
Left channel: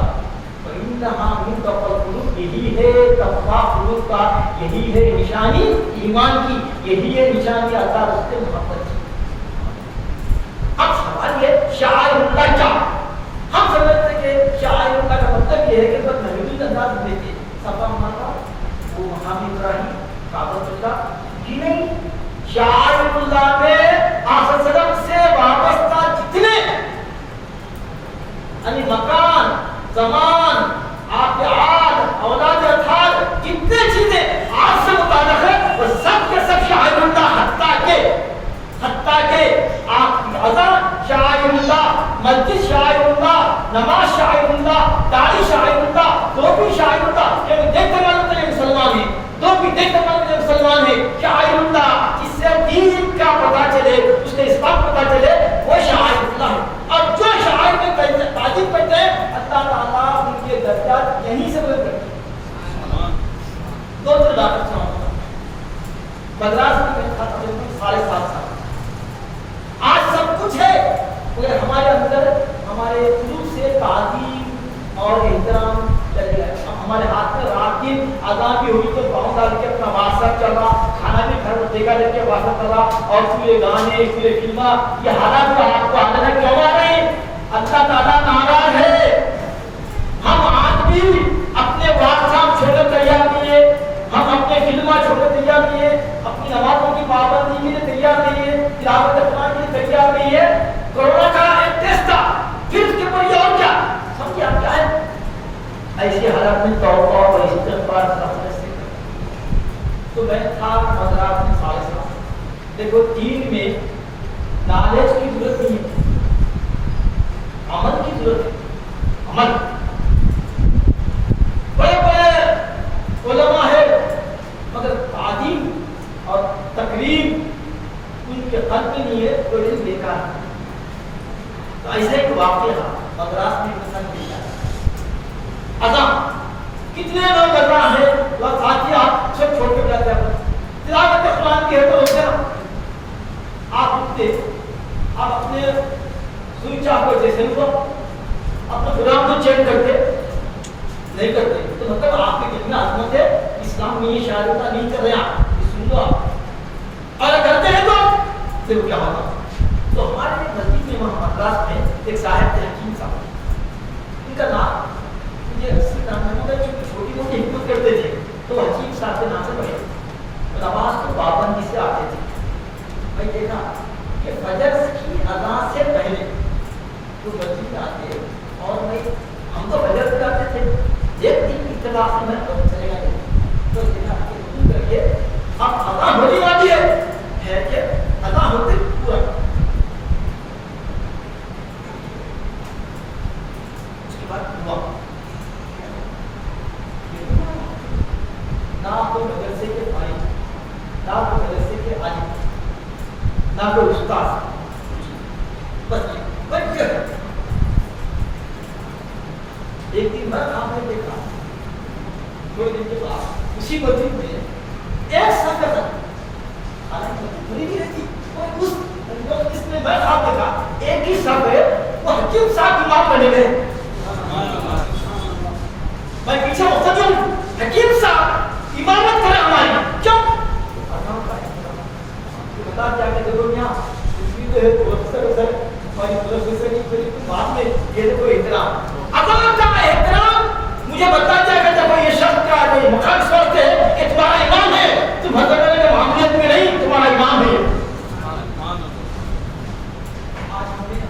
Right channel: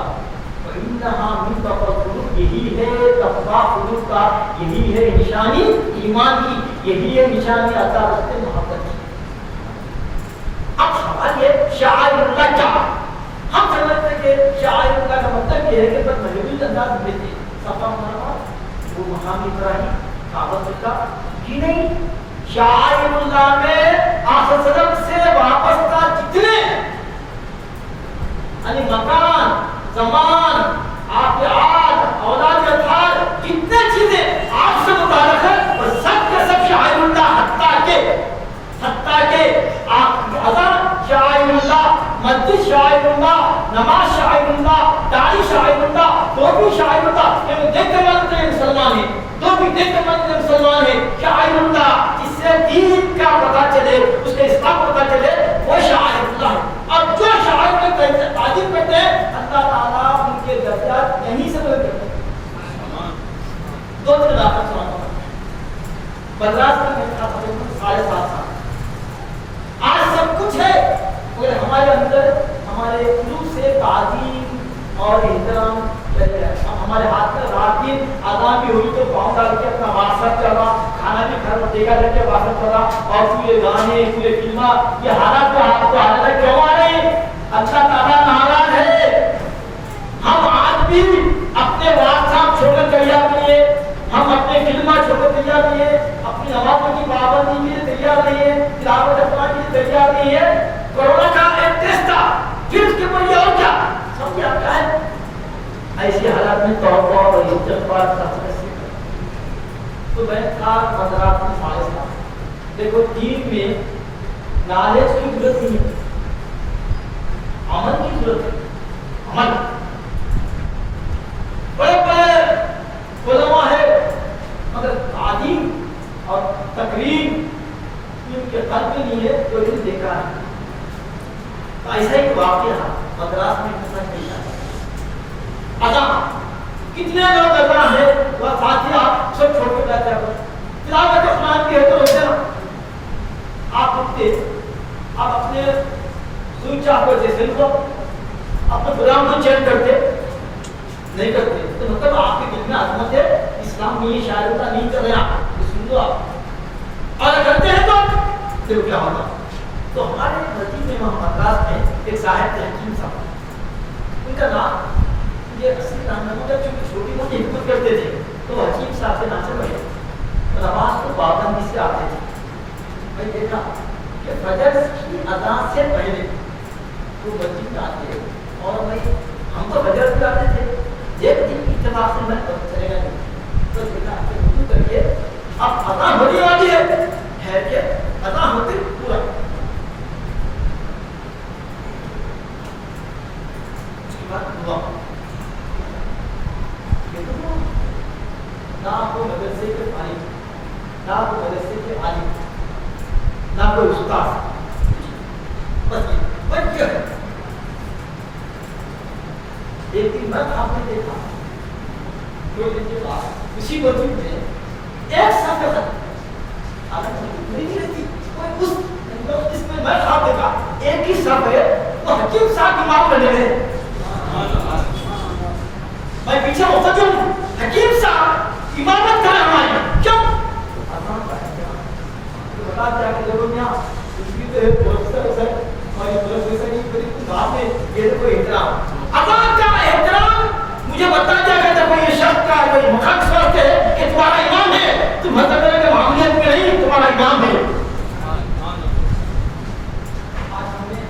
यही है तक़वा कुलूब का यही है निशानी ईमान की यही है निशानी अता रस्ते मोहब्बत की अब सवाल ये शाइर अल्लाह क्या हम समझते हैं कि शाइर अल्लाह का मतलब ये है कि बस महबूब अंदाज में थे सफा माना वो मकाम इब्राहिम काबा का जी नहीं शाइर अल्लाह में आसरम से वापस का जितने यानी मकान ज़मान आपके आज औलाद अथार जितने चीजें आपसे मुताल्लिक़ है वो सब के सब शाइरुल्लाह हत्ता के आप अज़ान शाइरुल्लाह मस्जिद शाइरुल्लाह नमाज शाइरुल्लाह दाढ़ी शाइरुल्लाह टोपी शाइरुल्लाह ये देखने वाले तो मुसलमान है टोपी देखने वाले तो मुसलमान है शाइरुल्लाह इससे दीन का पता चले उसके इस्लाम पता चले वो शाइरुल्लाह है अब जो तारीफ करते हैं, अल्लाह ताला उनके दर्जात यहीं से बुलंद करते हैं। दो दिन रात मद्रास में था 7.5 साल। आज सब कुछ है मगर हमारे अंदर हमारे शुरू से ताजीम और एहतराम चल गया। हमारे हाथ में राकिन अदा भी हुई तो पाँव डाल के अपना वाट्सएप चल रहा, खाना भी खा देखा करके वाट्सएप कर रहा, और फिर ये गाने फिर फिल्मा, ये हालात को आपको आने क्यों आ रही? अल्लाह ताला नाराज है। हम आज भी अपने वाट्सएप छोड़कर तैयार नहीं है, हम अपने फिल्मा छोड़कर तैयार नहीं है, अपनी नमाजों की पाबंदी के लिए तैयार नहीं है, तिलावत कुरान के लिए तैयार नहीं है। कोरोना का एक टेस्ट था, फिर उसके ऊपर ये और क्या समझिए आप क्या है? ऐसी हालत में तौबा और इस्तिग़फ़ार करने से तो मैं था मद्रास में 7.5 साल। देखो दीन में नॉलेज की जरूरत नहीं है, अमल की जरूरत है। अमल बड़े बड़े उलमा है मगर तालीम और तकरीर उनके खत में नहीं है तो इन्हें देखा है। तो ऐसा एक वाक़या मद्रास में अच्छा कितने लोग करना है वह साथी आप सब छोड़ कर जाते हैं। तिलावत कुरान की है तो रोकते ना, आप उठते आप अपने स्विच ऑफ करते सिर्फ अपने प्रोग्राम को चेंज करते नहीं करते, तो मतलब आपके कितने आत्मा से इस्लाम में ये शायद नहीं कर रहे आप सुन लो आप, और करते हैं तो फिर क्या होगा? तो हमारे नजदीक में मद्रास में एक साहिब थे हकीम साहब, उनका नाम ये रस्सी नाम है, छोटी मोटी हिम्मत करते थे तो हकीम साहब के नाम से बढ़िया, नमाज को पाबंदी से आते थे। भाई देखा कि फजर की अदा से पहले वो मस्जिद में आते और भाई हम तो फजर पे आते थे, एक दिन इत्तेफाक से मैं तो चलेगा नहीं, तो देखा कि करिए अब अदा होने वाली है कि अदा होते पूरा उसके बाद हुआ ना कोई मदरसे के आलिम, ना कोई मदरसे के आलिम, ना कोई उस्ताद, बस एक दिन मैं आपने देखा 2 दिन के बाद उसी मस्जिद में एक संगत हालांकि पूरी नहीं रहती कोई उस इसमें मैं आप देखा एक ही सब है वो हकीम साहब इमाम बने गए। मैं पीछे होता क्यों? हकीम साहब इमामत कर हमारी क्यों? बता दिया कि देखो यहाँ कुछ भी तो है प्रोफेसर है हमारी प्रोफेसर की बात में ये देखो एहतराम अजान का एहतराम मुझे बता दिया कि देखो ये शब्द का कोई मुखर शब्द है कि तुम्हारा इमाम है, तुम हजरत के मामले में नहीं तुम्हारा इमाम है। आज हमें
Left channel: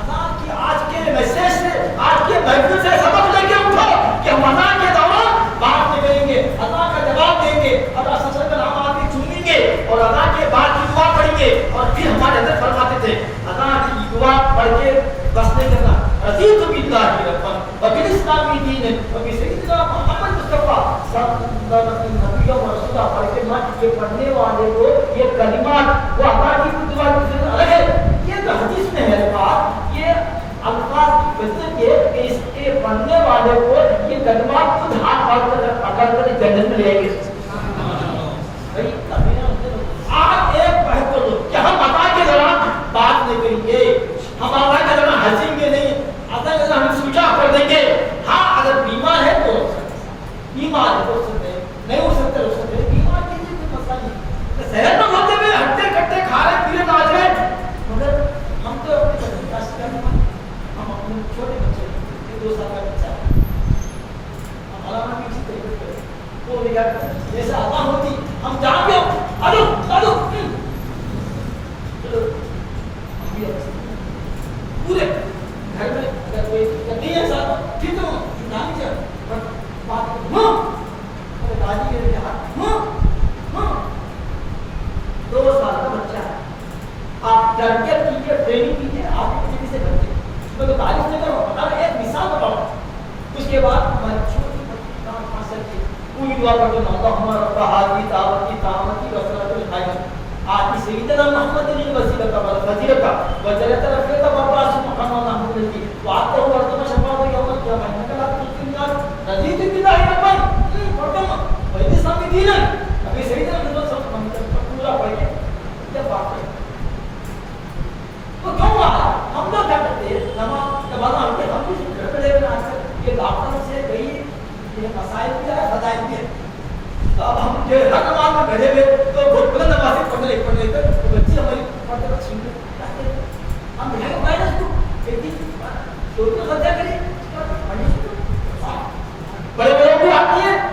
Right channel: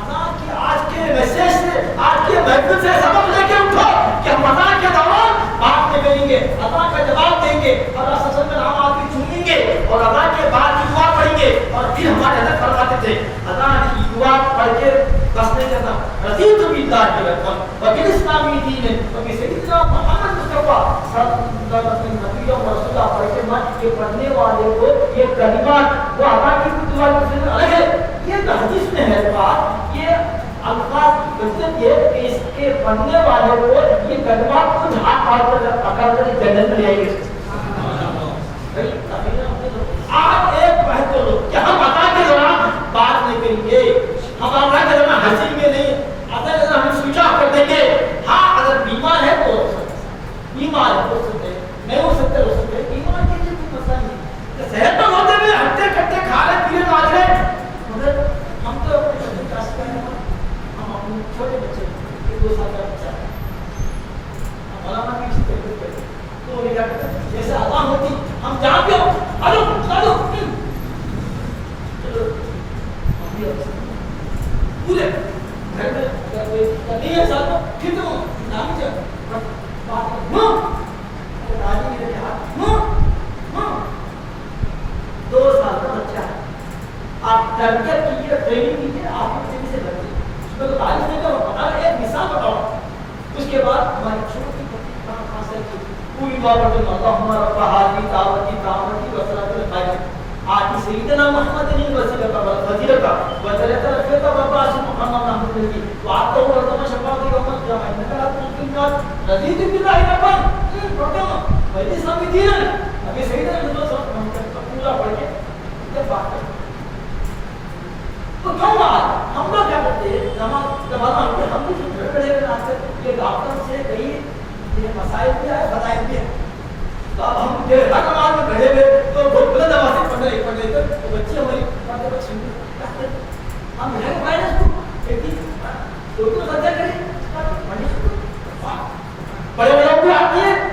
अजान की आज के मैसेज से आज के महफिल से सबक लेके उठो कि हम अजान के दौरान बात नहीं करेंगे, अजान का जवाब देंगे और रसूल का नाम आके चुनेंगे और अजान के बाद की दुआ पढ़ेंगे। और फिर हमारे हज़रत फरमाते थे अजान की दुआ पढ़ के बस नहीं करना, रज़ीतु बिल्लाहि रब्बन व बिल इस्लामी दीन व बि सय्यिदिना मुहम्मद मुस्तफा सल्लल्लाहु अलैहि वसल्लम पढ़ के मत ये पढ़ने वाले को ये कलिमात वो अजान की दुआ से अलग है। ये तो हदीस में है बात, ये अल्फाज की वजह ये कि इसके पढ़ने वाले को ये कलिमात कुछ हाथ पार कर अकल कर जन्नत में ले आएंगे। भाई अभी ना आज एक बहतो लोग कि हम अजान के दौरान बात नहीं करेंगे, हम अजान के दौरान हंसेंगे नहीं, अजान के दौरान हम स्विच ऑफ कर देंगे। हाँ अगर बीमार है तो बीमार है हो सकते हैं, नहीं हो सकते हो सकते हैं, बीमार की कोई मसला नहीं, सेहत में होते हुए हंसते कटते खा रहे पी रहे नाच रहे, मगर हम तो हम छोटे बच्चे ये 2 साल का बच्चा है अलामा की चित्र तो क्या जैसे अजान होती हम जहाँ पे हेलो हेलो चलो पूरे घर में अगर कोई नहीं है साथ फिर तो नानी जा बात हाँ अगर दादी मेरे हाथ हाँ हाँ 2 साल का बच्चा है, आप डर के कीजिए ट्रेनिंग कीजिए आप किसी से डरिए उसमें तो तारीफ नहीं करो, बता एक मिसाल बताओ। उसके बाद हमारी छोटी पूरी दुआ करते हैं अल्लाहुम्मा रब्ब हाज़िही दावती तामती व सलातुल कायमा आति सय्यिदना मुहम्मदिन वसीलता व फजीलता व दरजता रफ़ीअता व बास मुहम्मद अहमद की बात को वर्तमान تفصیلاً ابھی صحیح طرح پورا پڑھ کے جب بات کریں تو کیوں ہم لوگ کیا کرتے ہیں نماز ہم بھی گڑبڑے یہ ڈاکٹر سے کئی یہ مسائل بھی ہے بتائیں بھی ہے اب ہم جو ہر نماز میں گھڑے ہوئے تو بہت بلند آواز سے پڑھ رہے تو بچے ہماری ہم بھائی مائنس تو سجا کریں بڑے بڑے کو آتی ہے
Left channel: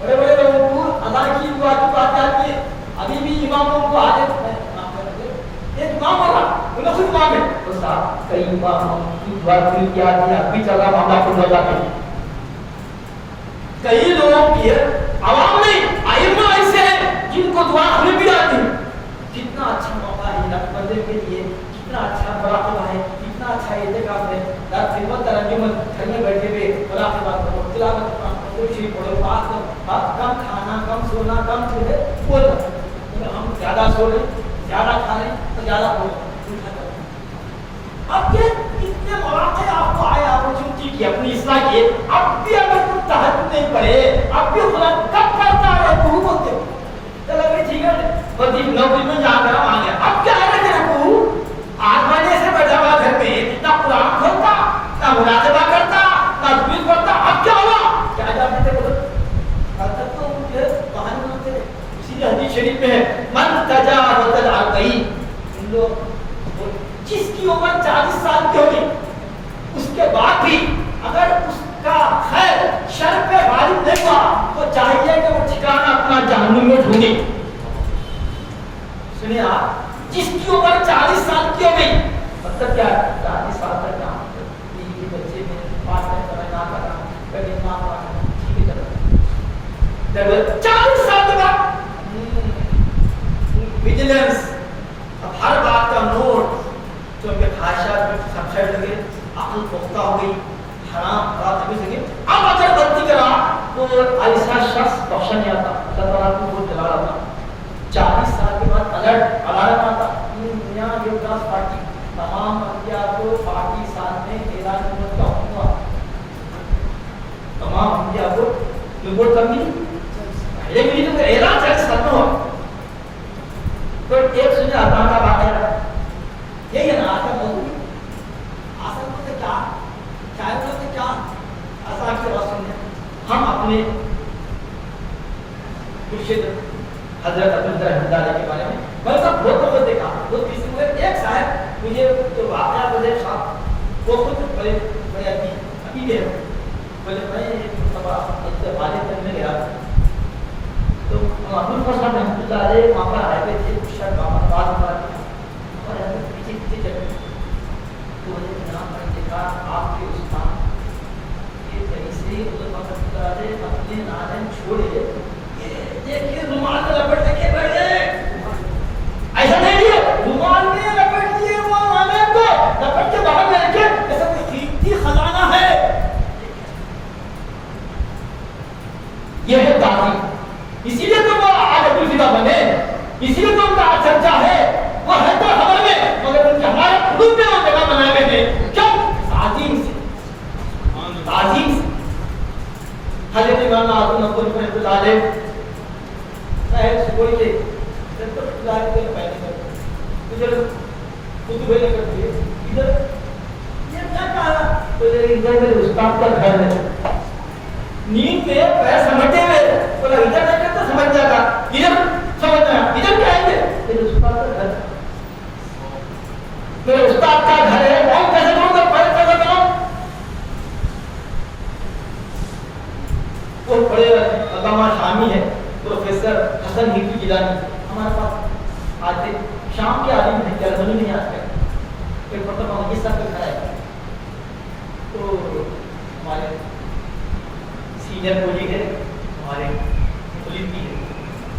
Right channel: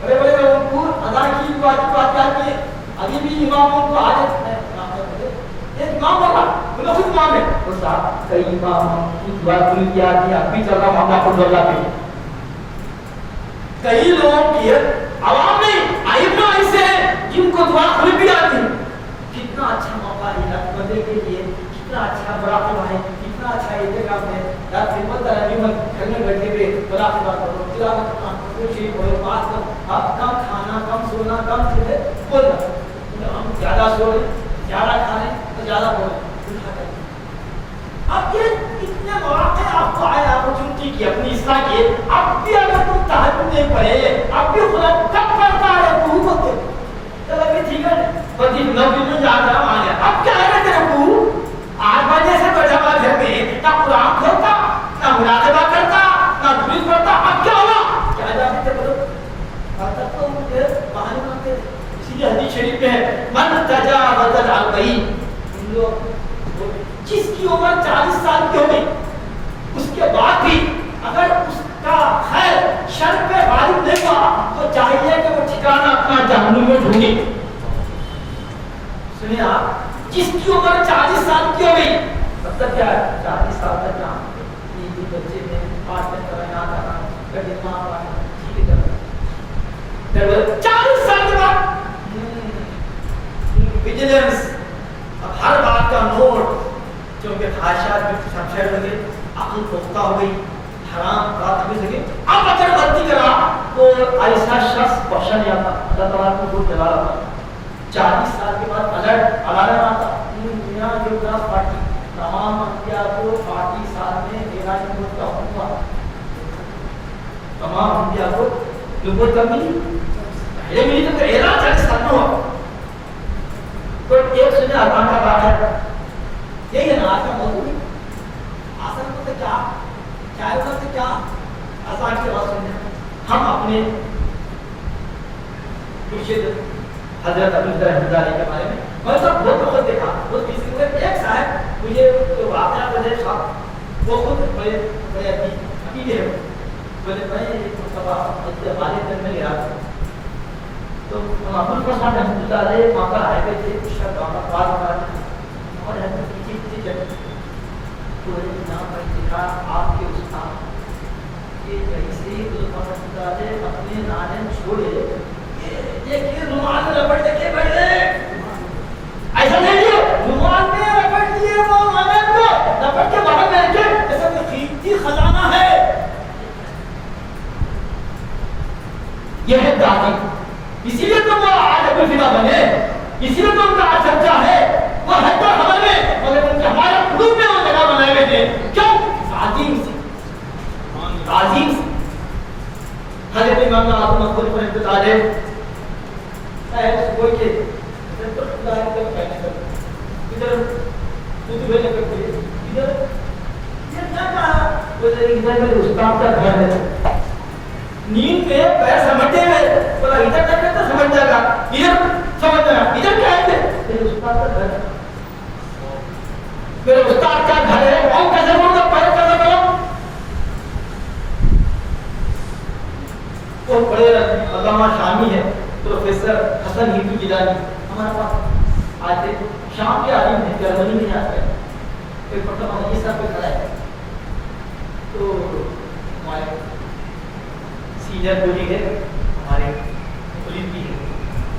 بڑے بڑے لوگوں کو ادا کی دعا کی بات آتی ہے ابھی بھی اماموں کو عادت ہے ایک امام ہوگا انہیں خود امام ہے وہ صاحب کئی امام کی دعا پوری کیا کہ اب بھی چل رہا معاملہ خود اللہ پہ کئی لوگوں کی عوام نہیں ائمہ ایسے ہیں جن کو دعا خود بھی آتی ہے کتنا اچھا موقع ہے رب بندے کے لیے کتنا اچھا مراقبہ ہے کتنا اچھا اعتکاف ہے رات خدمت ترنیمت کرنے بیٹھے ہوئے مراقبہ کرو تلاوت کرو شریف پڑھو پاس کرو کم کھانا کم سونا کم سونے بولنا ہم زیادہ سو رہے زیادہ کھانے تو زیادہ پڑھو اب یہ کتنے مواقع آپ کو آئے اپرچونٹی کی اپنی اصلاح کی اب بھی اگر کوئی تہجد نہیں پڑھے اب بھی خدا کب پڑھتا ہے تو بولتے ہو چلو ابھی ٹھیک ہے بدی نوکری میں جا رہا ہوں آیا اب کیا ہے تیرے کو 8 بجے سے بیٹھا ہوا گھر پہ نہ قرآن کھولتا نہ مراقبہ کرتا نہ درود پڑھتا اب کیا ہوا کیا جاتے تھے حضرت تو مجھے بہانے مانگتے تھے اسی لیے حدیث شریف میں ہے من تجاوز الاربعین جو جس کی عمر 40 سال کی ہوگی اس کے بعد بھی اگر اس کا خیر شر پہ غالب نہیں ہوا تو چاہیے کہ وہ ٹھکانہ اپنا جہنم میں ڈھونڈے سنیں آپ جس کی عمر 40 سال کی ہو گئی مطلب کیا ہے 40 سال تک کام یہ بچے میں پاس میں تمنا کر رہا ہوں کہ یہ ماں باپ ٹھیک ہے 40 سال کے بعد ویجیلنس اب ہر بات کا نوٹ جو کہ خواہشات میں سمجھے لگے عقل پختہ ہو گئی حرام بات ہمیں لگے اب اگر غلطی کرا تو ایسا شخص بخشا نہیں آتا اللہ تعالیٰ کو وہ جگہ رہا 40 سال کے بعد الرٹ علامت آتا دنیا دیوتا پارٹی تمام انبیاء کو پارٹی ساتھ میں میراج نبوت کا حکم ہوا تمام انبیاء کو نبوت کا ملی پہلے ملی تو اعلان چل ساتھ ہوا کوئی ایک سنے آسان کا بات ہے یہی ہے نا آسان موضوع آسان کو کیا چاہے تو کیا آسان سے بات سنیں ہم اپنے مرشد حضرت عبداللہ رحمۃ اللہ کے بارے میں میں سب بہت دیکھا بہت کسی ہوئے ایک صاحب مجھے جو واقعہ بولے صاحب وہ خود بڑے بڑے عقیدے ہیں بولے میں ایک مرتبہ والد دن میں گیا تو ابو الفضل رحمۃ اللہ علیہ وہاں پر آئے ہوئے تھے شاید وہاں پر بات ہوا اور حضرت پیچھے پیچھے چلے تو یہاں پر دیکھا آپ کے استاد کہ کہیں سے رحمۃ اللہ علیہ اپنے نالن چھوڑے یہ رومال میں لپٹ کے بیٹھ رہے ایسا نہیں ہے رومال میں لپٹ لیے وہ نالن کو لپٹ کے باہر میں رکھے ایسا کوئی قیمتی خزانہ ہے یہ ہے دادی اسی لیے تو وہ آج ابو الفدا بنے اسی لیے تو ان کا آج چرچا ہے وہ ہے تو خبر میں مگر ان کے ہمارے قلوب میں وہ جگہ بنائے ہوئے تھے کیوں تعظیم سے حضرت امام اعظم ابو الفضل رحمۃ اللہ علیہ کوئی کے تو خدا کے پہلے تو ادھر تو بھیج کر کوئی ادھر یہ کیا کہا ادھر میرے استاد کا گھر ہے نیند پہ پیر سمجھتے ہوئے بولا ادھر کرتے تو سمجھ جائے گا ادھر سمجھنا ادھر کیا ہے میرے استاد کا گھر میرے استاد کا گھر ہے وہ کیسے بولتا پیر کرنا کرو وہ بڑے علامہ شامی ہے پروفیسر حسن ہندو گیلانی ہمارے پاس آتے شام کے عالم ہیں جرمنی میں آتے ہیں کوئی پڑھتا مہدی صاحب پہ کھڑا ہے تو ہمارے سینئر کولی ہے ہمارے ملین بھی ہے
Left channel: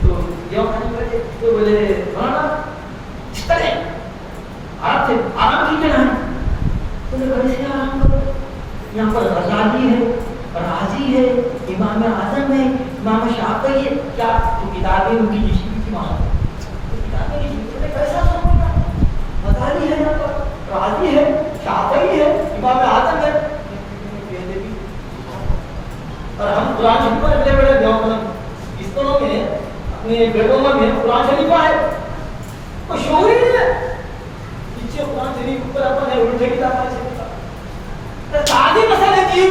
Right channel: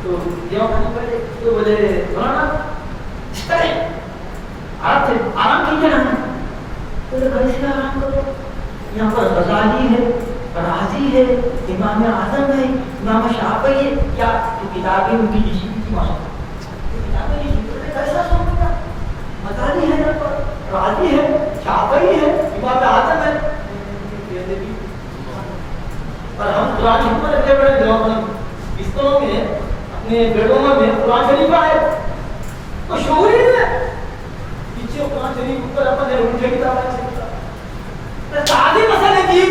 تو یہ کھانے پڑے تو بولے مولانا اس طرح آرام کیجیے نا تو بڑے سے آرام کرو یہاں پر غزالی ہے راضی ہے امام اعظم ہے امام شافعی ہے کیا کتابیں ان کی جشن کی مانگ کتابیں کی کیسا سمجھتا غزالی ہے نا راضی ہے شافعی ہے امام اعظم ہے اور ہم قرآن شریف پر بڑے بڑے دیوبند अपने बेडरूम में कुरान शरीफ है, कोई शोर ही नहीं है। पीछे कुरान शरीफ ऊपर अपन ने उल्टे किताब है। शादी मसले की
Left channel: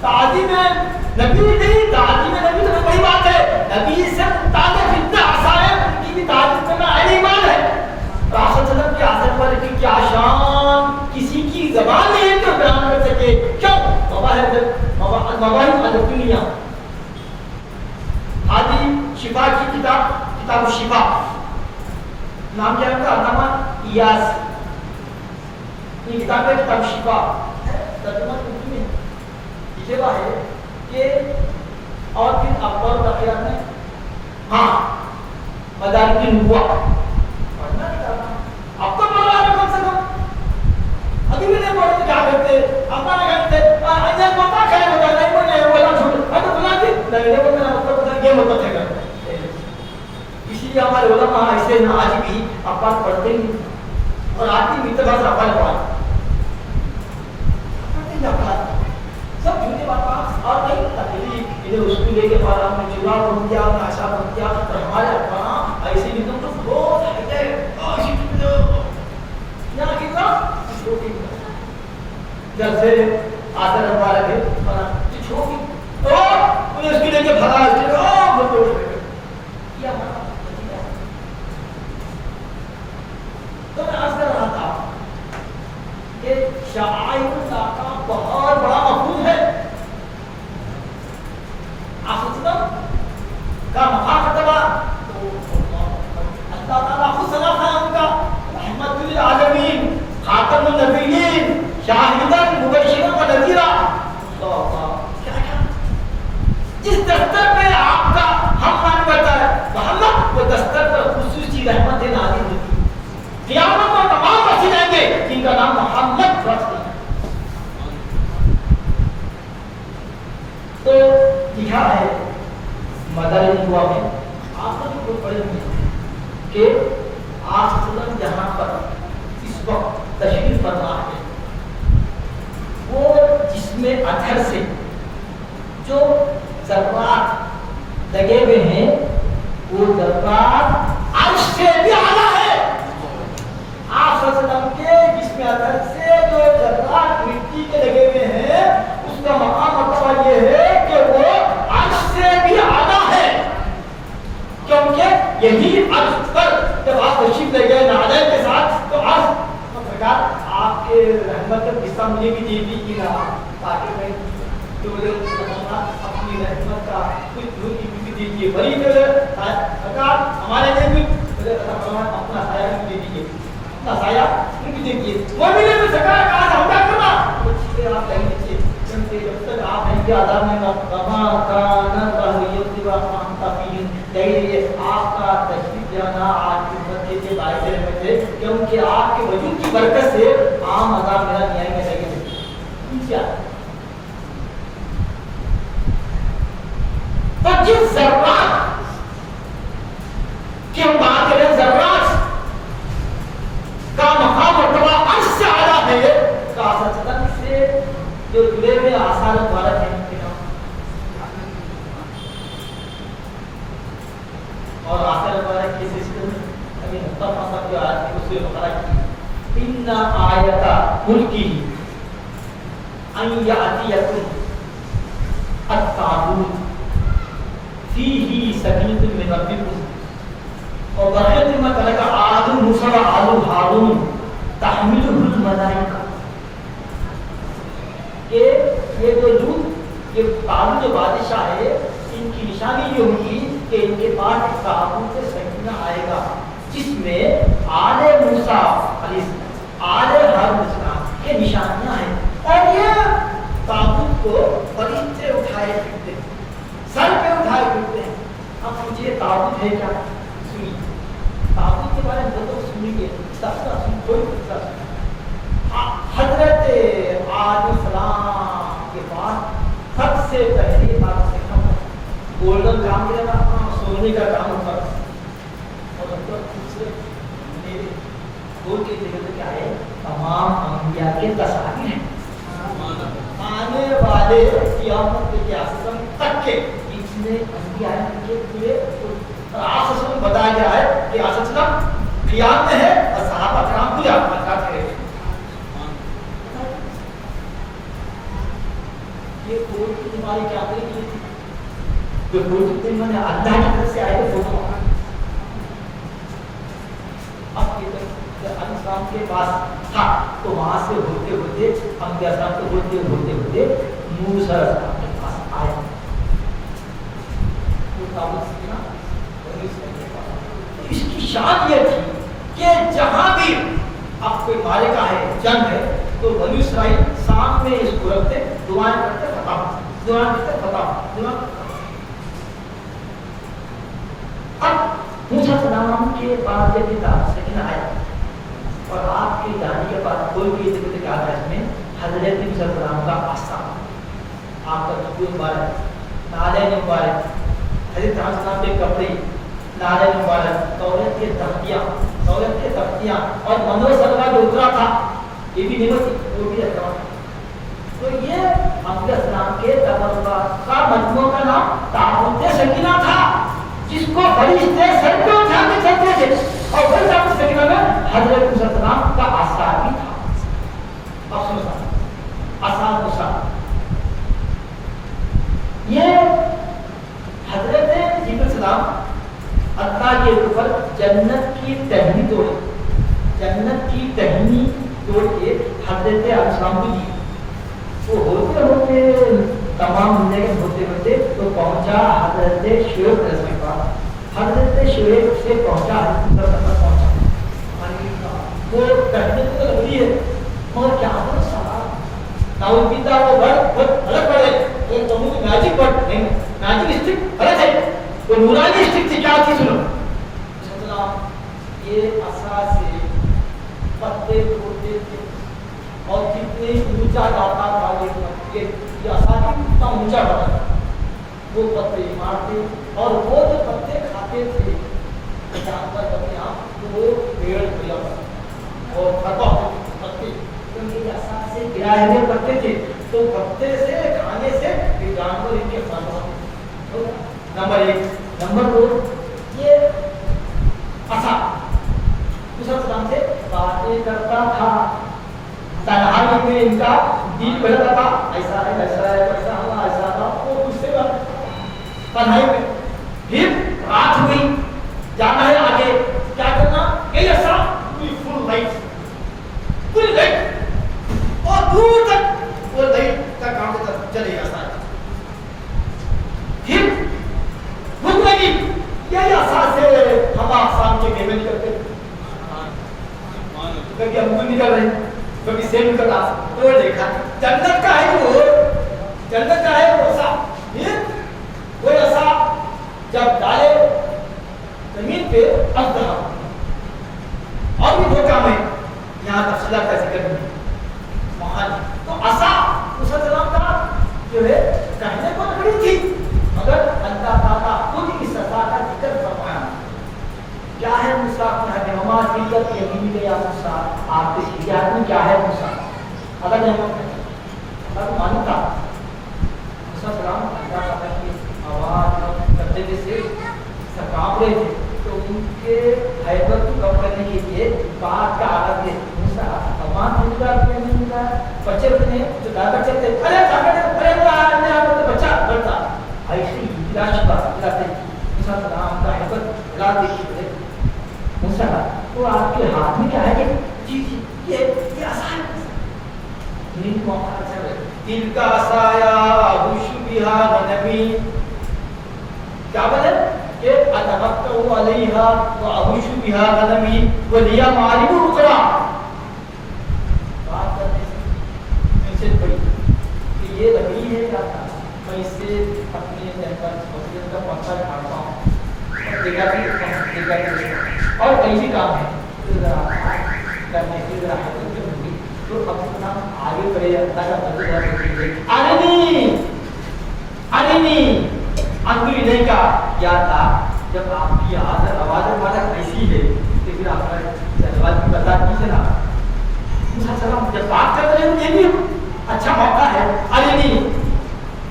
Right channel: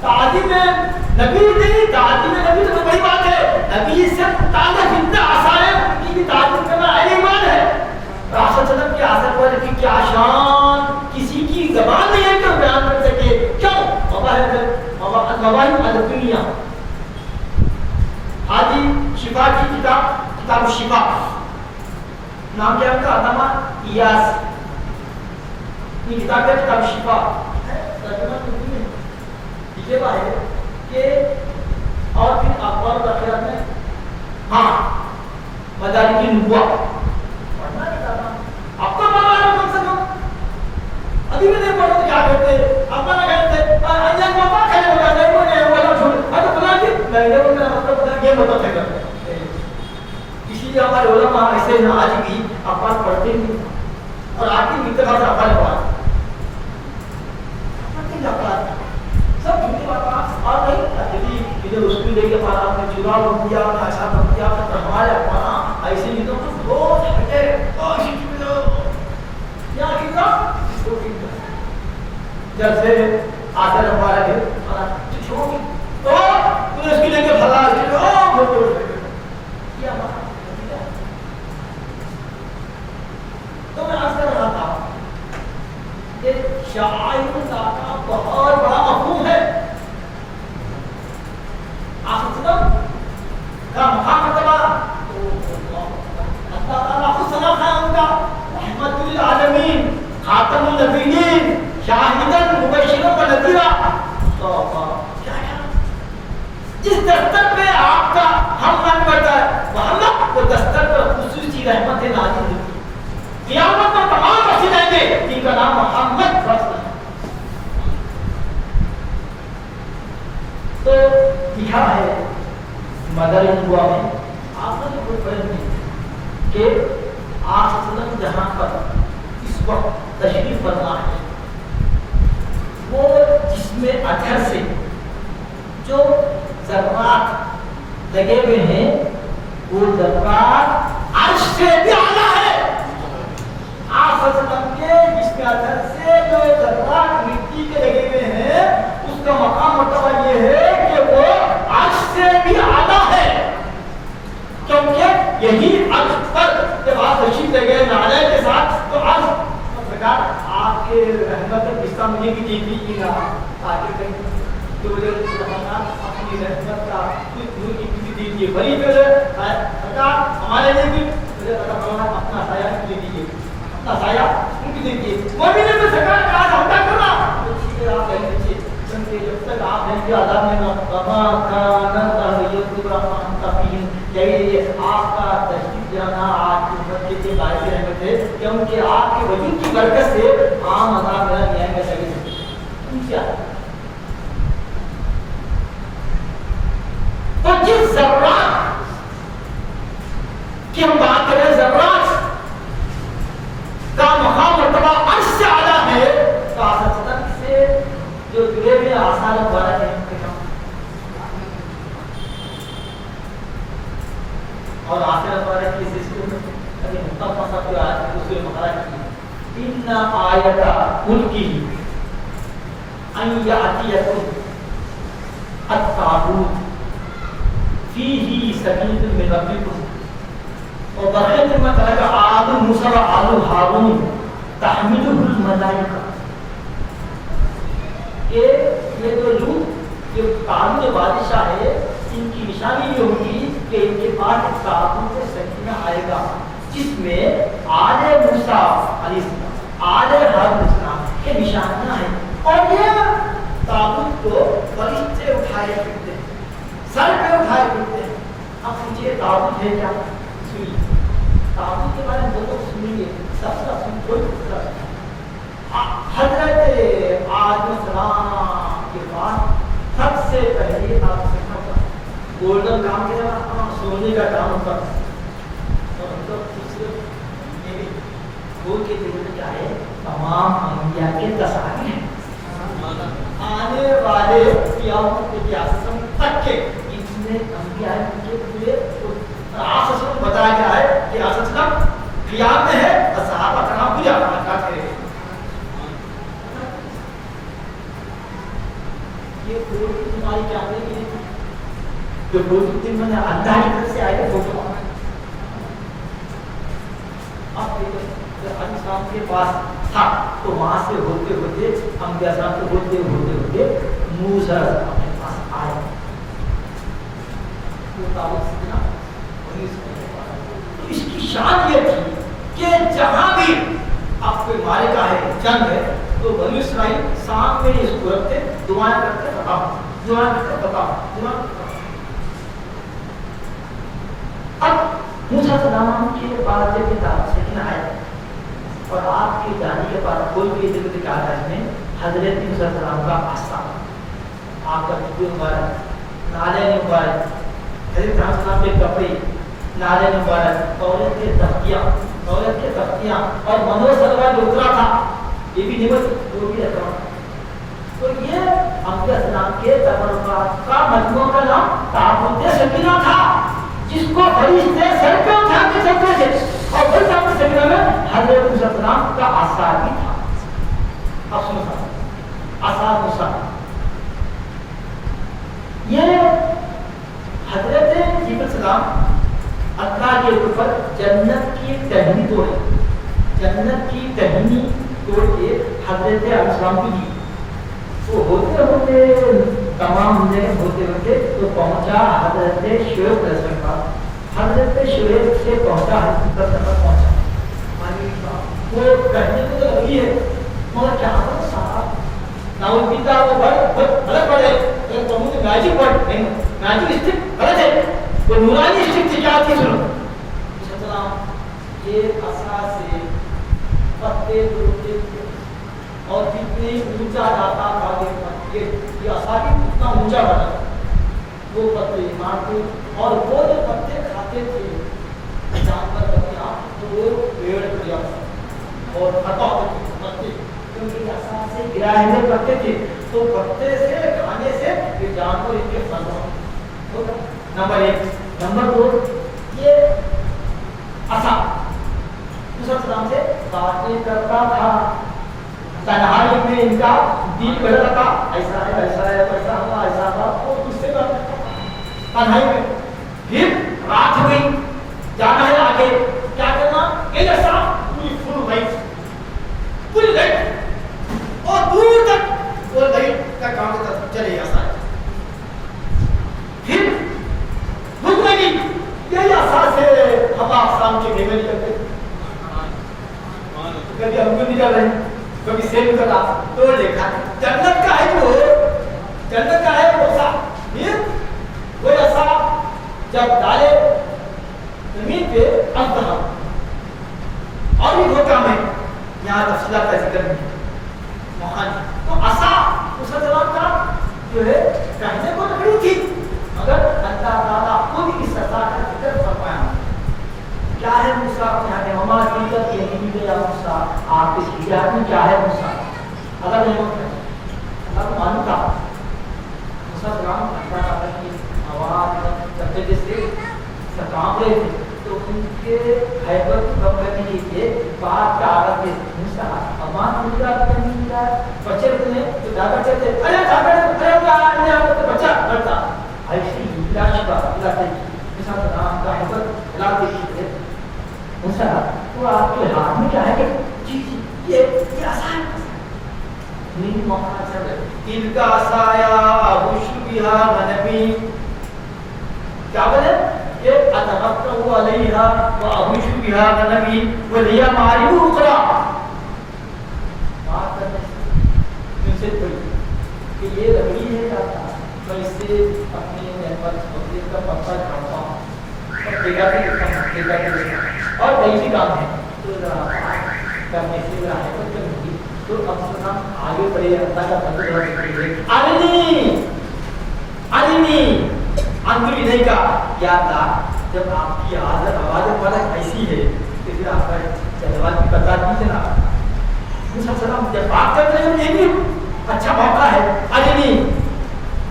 शादी में नबी नहीं, शादी में नबी तो बड़ी बात है। नबी से ताल्लुक इतना आसान है, नबी की तारीफ करना अहले ईमान है। रासूल सल्लल्लाहु के आसर पर की क्या शान किसी की ज़बान नहीं है तो बयान कर सके। क्यों? मवाहिब अदबिया आदि शिफा की किताब शिफा नाम क्या है अल्लामा इयास, ये किताब है किताब शिफा तर्जुमा उर्दू में लिखे हुआ है कि और फिर अकबर तक़रीर में हाँ मदारिक नुबुव्वा पढ़ना अब तो पढ़ा है कम से कम, अभी भी नहीं पढ़ते क्या करते अपना कहते अंजान पापा खाए होगा नहीं वो नहीं होगा छोड़ अरे बना दी नहीं वो मेरा मतलब ये मतलब है करते, इसीलिए हमारे उलमा ऐसे ना आज भी अपन पढ़ते नहीं और आखिरी मित्र बात अपन पढ़ा सब झूठी बात और नहीं अकेली इधर उसको लेके पढ़ा हमने चुनाव बन गया अच्छा बन गया तो हमारे पढ़ा ऐसे नहीं तो बहुत हटते क्या कितना जब से आदर हमारा है पढ़ा छोटी तो तूने उसकी लेके भगा ओ वो क्या मतलब तो मैं आज कर रहा था ये शाइरुल्लाह का बहुत बड़ा मफहूम है। आखिरत का मुखातबा तो अल्लाह ताला खुद सना है उनका रहमतुल लिल आलमीन खातमुन नबिय्यीन शाहिदन मुबश्शिरन व नज़ीरा। जिस दस्तर पे आपका हम मन करता है वहां वो दस्तर पर खुसूसी रहमतें नाज़िल होती है। क़यामत में तमाम बचे जाएंगे जिनका नाम मोहम्मद रसूल। तो लिखा है मदर दुआ में आपने तो पढ़ी कि आप सल्लम जहां पर इस वक्त तशरीफ फरमा है वो जिसमें अधर से जो ज़र्रात लगे हुए हैं वो ज़र्रात अर्श से भी आला है। आप सल्लम के जिसमें अधर से जो ज़र्रात मिट्टी के लगे हुए हैं उसका मकाम मर्तबा ये है कि वो अर्श से भी आला है, क्योंकि यही अर्श पर जब आप तशरीफ ले गए नाज़िल के साथ तो अर्श सरकार आपके रहमत का हिस्सा मुझे भी दे दीजिएगा ताकि मैं जो मुझे अपनी रहमत का दूर की भी दीजिए बड़ी जो सरकार हमारे लिए भी मुझे अपना साया दे दीजिए, अपना साया भी दीजिए। वो भी नहीं तो सरकार कहा हम क्या करना तो सीधे आप कह दीजिए क्योंकि जब तक आप हैं कि आदम में कमा काना रहमान तफीन चाहिए आपका तशरीफ जाना आपके बच्चे के बायस रहमत है, क्योंकि आपके वजूद की बरकत से आम अज़ाब मेरा न्याय में लगे क्या तो जिस ज़र्रात की हम बात करें ज़र्रात का मकाम मर्तबा अर्श से आला है तो आसमान से जो जुड़े हुए आसार द्वारा है और आखिर द्वारा की सिस्टम अभी मुस्तफा साहब जो आज दूसरे मुबारक की इन्ना आयता मुल्की अन यातियकुम अत्ताबूत फीही सकीनतुम मिन रब्बिकुम और बरकत में तरका आलू मूसा व आलू हारून तहमिलुहुल मलाइका ये जो लूत ये ताबूत जो बादशाह है इनकी निशानी ये होगी कि इनके पास एक ताबूत सकीना आएगा जिसमें आले मूसा अलैहिस्सलाम आले हारून के निशानियां हैं और ये ताबूत को फरिश्ते उठाए फिरते सर पे उठाए फिरते हैं। अब मुझे ताबूत है क्या सुनिए ताबूत के बारे में जो सुनेंगे सबका सुन हजरत आदम सलाम के बाद सबसे पहले गोल्डन काम के सोने का काम होता के जगह क्या है तमाम अंबिया के तस्वीर आने वाले क़यामत के आसम तक के जितने अंबिया हैं उनके पूरे साफ साफ बताया गया है कि असलना खियाल में है और सहाबा कराम भी क्या करे ये कोई बीमारी क्या करेगी जो कोई दिन मैंने अल्लाह की तरफ से आए थे वो अब के पास था तो वहां से होते होते अंबिया साहब को होते होते होते मूसा के पास आए इसकी शान ये थी कि जहां भी आप कोई मारेगा है जंग है तो बनी इसराइल सामने इसको रखते दुआएं करते बताओ अब मूसा सलाम के बाद जब पिता से आया और आपके जाने के बाद कोई भी जिक्र कहा है इसमें हजरत मूसा सलाम का आस्था आपका जुबे मुबारक नाले मुबारक हजरत सलाम के कपड़े नाले मुबारक औरत के तख्तियां और मनोसलवा जो उतरा था ये भी निमत वो भी रहता तो ये अंबिया सलाम के तबरुकात का मजमू का नाम ताबूत सकीना था जिसको फरिश्ते सर पे उठा के चलते थे और वही ताबूत सकीना में हजरत मूसा सलाम का आसार भी था अब सुनो आसार मूसा ये हजरत जिब्रील सलाम अल्लाह के ऊपर जन्नत की टहनी तोड़े तोड़ के हजरत अलैहिस्सलाम को दी वो होते होते तमाम जिंदगी होते होते तो पहुंचा हजरत शुएब अलैहिस्सलाम का हजरत शुएब से पहुंचा हजरत तक पहुंचा वो कहने को तो लगी है मगर क्या हो साहब ना वो पिता वो बड़े बड़े ये तो मुझे मैजिक स्टिक बड़े थे वो नूरानी स्टिक थी क्या थी सुनो ये आसा से पत्ते तोड़ते थे और जितने ऊंचा जाता था ये आसा भी उतना ऊंचा बना वो पत्ते मारते और वो जो पत्ते खाते थे जानवर बनिया वो पेड़ खड़ा और खाता पत्ते उनकी आसा से गिराए हुए पत्ते थे तो पत्ते से खाने से ये जानवर इनके तो नंबर 1 नंबर 2 ये आसा दूसरा सलाम से बातें करता था तन्हाई में इनका दिल करता था ऐसा हुआ वो गुस्से में तन्हाई में फिर रात हुई जाना है आगे क्या करना ये ऐसा फुल लाइट और दूर तक वो लाइट का काम तक चले ऐसा फिर भूख लगी यही आशा से हम आप शाम के मेवे निकलते कभी हमको निकल रहे कभी सेम का तोड़ देखा जन्नत का है वो सा फिर वो ऐसा जब डाले जमीन पे अंतहा और भी दो काम है यहाँ तफसीलात का जिक्र नहीं तो आशा उस सलाम का जो है कहने को तो बड़ी थी मगर अल्लाह ताला खुद की सजा का जिक्र फरमाया क्या है मूसा क्या हमारा किया कि यही भी गया मूसा आपके शरीयत में क्या है मूसा अगर नहीं होता अब मानता मूसा सलाम अल्लाह ताला की आवाज करते जैसे कांप रहे थे तो उनके हैबत को कम करने के लिए बात का आरंभ है मूसा अमान दूसरा नहीं मिला बच्चे ने जो दादा चलते अरे बच्चा करता ऐसे इलाज का इलाज मूसा सलाम का हैबत इलाज देखिए मूसा तो आपके हाथ में क्या है कि जी ये आसान है नहीं मौका चल इनका साया बुशबिहा नबी क्या बोले ये अतमक्कु अलैहा व अबुशबिहा नबी व लिया मारिबु रुकरा बात करने से कोई कि ये लकड़ी है क्या मैं इससे अपनी नेटवर्क मशीन का पत्ता काटता हूं और देखा और वही भी काम है तो करने से है तो क्यों होगी तो अब हम आगे बढ़े अल्लाह का फजल देखेंगे अरे नहीं अंगुली नहीं का क्या था जब आपकी आवाज ऐसी है तो फिर आपका जवाब भी बता दीजिए ना मूसा सलाम जब बात कर रहे हो ये भी अच्छा मौका है अरे नहीं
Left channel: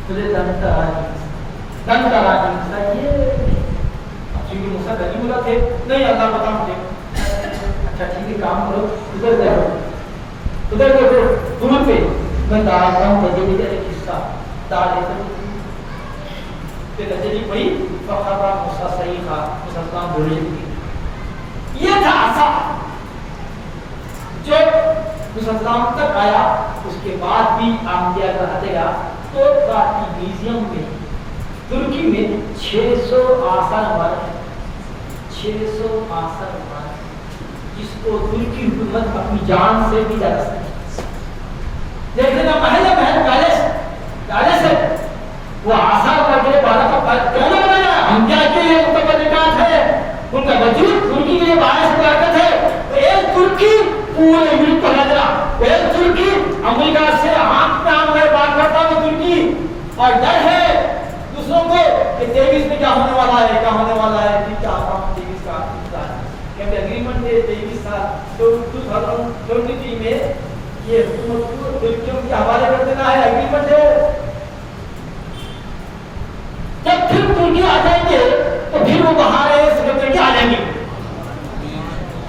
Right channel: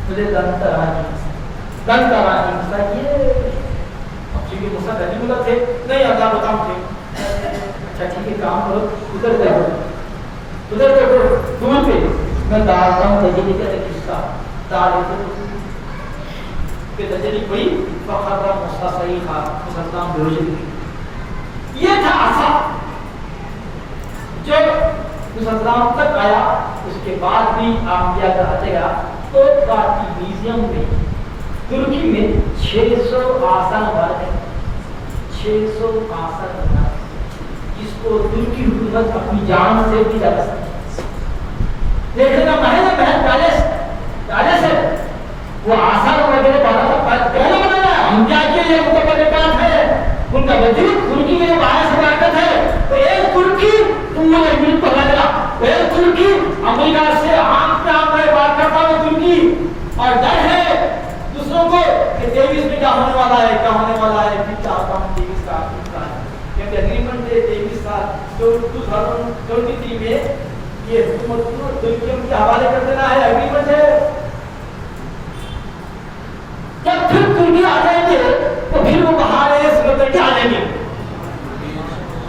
तुझे दंतराजी ये अब چونکہ موسیٰ کلیم اللہ تھے. نہیں اللہ بتا مجھے. اچھا ٹھیک ہے کام کرو ادھر کرو دور پہ میں ڈالتا ہوں تجلی کا ایک حصہ ڈال دیتے کہ تجلی پڑی فقط موسیٰ صحیح تھا مسلمان بولے. یہ تھا آسا جو مسلمان تک آیا. اس کے بعد بھی انبیاء کا ہتیا تو کاتی میوزیم میں ترکی میں 600 آثار نمار ہے. 600 آثار نمار جس کو ترکی حکومت اپنی جان سے بھی لگا سکتی. دیکھنے کا محل پیلس ہے وہ آثار نمار کے لیے بارہ کا پہلے بنایا. انبیاء کے لیے متبرکات ہے ان کا وجود ترکی کے لیے باعث برکت ہے. تو ایک ترکی پورے ملک پر نظرا ایک ترکی امریکہ سے آنکھ پہ آنکھ میں بات کرتا ہوں ترکی اور ڈر ہے دوسروں کو کہ 23 میں کیا ہونے والا ہے کیا ہونے والا ہے. پھر کیا ہوگا 23 کا کیونکہ اگریمنٹ ہے 23 سال تو 2023 میں یہ حکومت کو ترکیوں کے حوالے کر دینا ہے. اگریمنٹ ہے. جب پھر ترکی آ جائیں گے تو پھر وہ باہر ہے سمندر کے آ جائیں گے.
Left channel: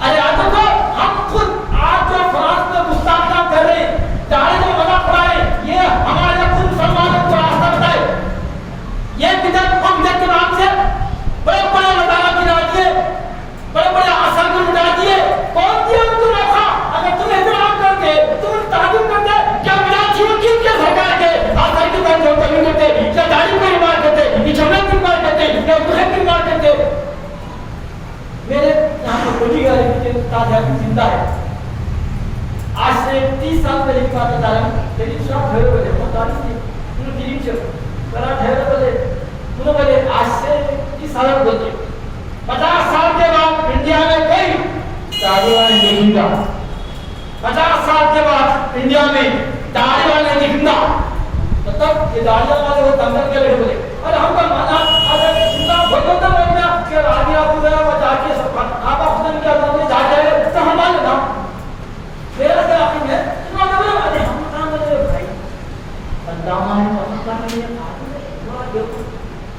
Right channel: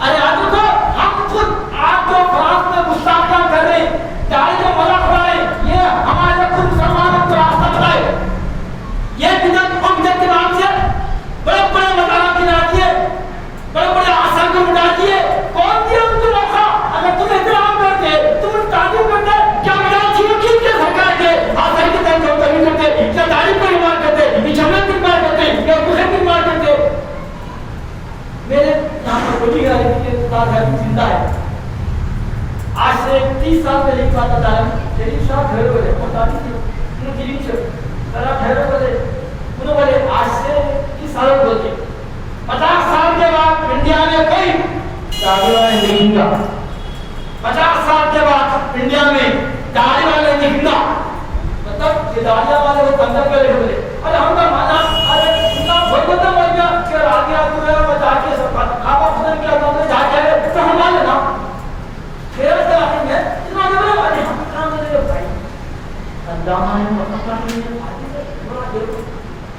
ارے آج کو ہم خود آج جو فرانس میں گستاخیاں کر رہے ہیں داڑھی کو مذاق اڑا رہے ہیں یہ ہمارے خود مسلمانوں کو راستہ بتائے. یہ بدعت اور بدعت کے نام سے بڑے بڑے مزارات بنا دیے بڑے بڑے اثر کو اٹھا دیے. کون دیا ان کو موقع؟ اگر تم احترام کرتے تم تعظیم کرتے کیا بدعت تھی وہ کیوں کیا سرکار کے آثار کی طرف جو تعلیم کرتے کیا تعلیم کو ایمان کرتے یہ جملت کو ایمان کرتے یا دوسرے کو ایمان کرتے. میرے یہاں پر بڑی گاڑی کے استاد ہے زندہ ہے. آج سے 30 سال پہلے کی بات بتا رہا ہوں. تیری شاہ گھر بولے پتا نہیں انہوں کی سے ذرا گھر بولے انہوں بولے آج سے 30 سال بولتے 50 سال کے بعد انڈیا میں کوئی داڑھی والا نہیں دکھتا. 50 سال کے بعد انڈیا میں داڑھی والا نہیں دکھتا. مطلب یہ داڑھی والے وہ دنگل کے لے بولے اور ہم کا مانا اگر اتنا بھگوتا ماننا کہ راجی آپ وغیرہ بچا کے سب کا آپ خدن کے اندر میں جا کے تو ہمارے نا میرا سے آخر ہے اتنا جگہ والے ہم کام میرے بھائی اللہ ہمیں مطلب کرنے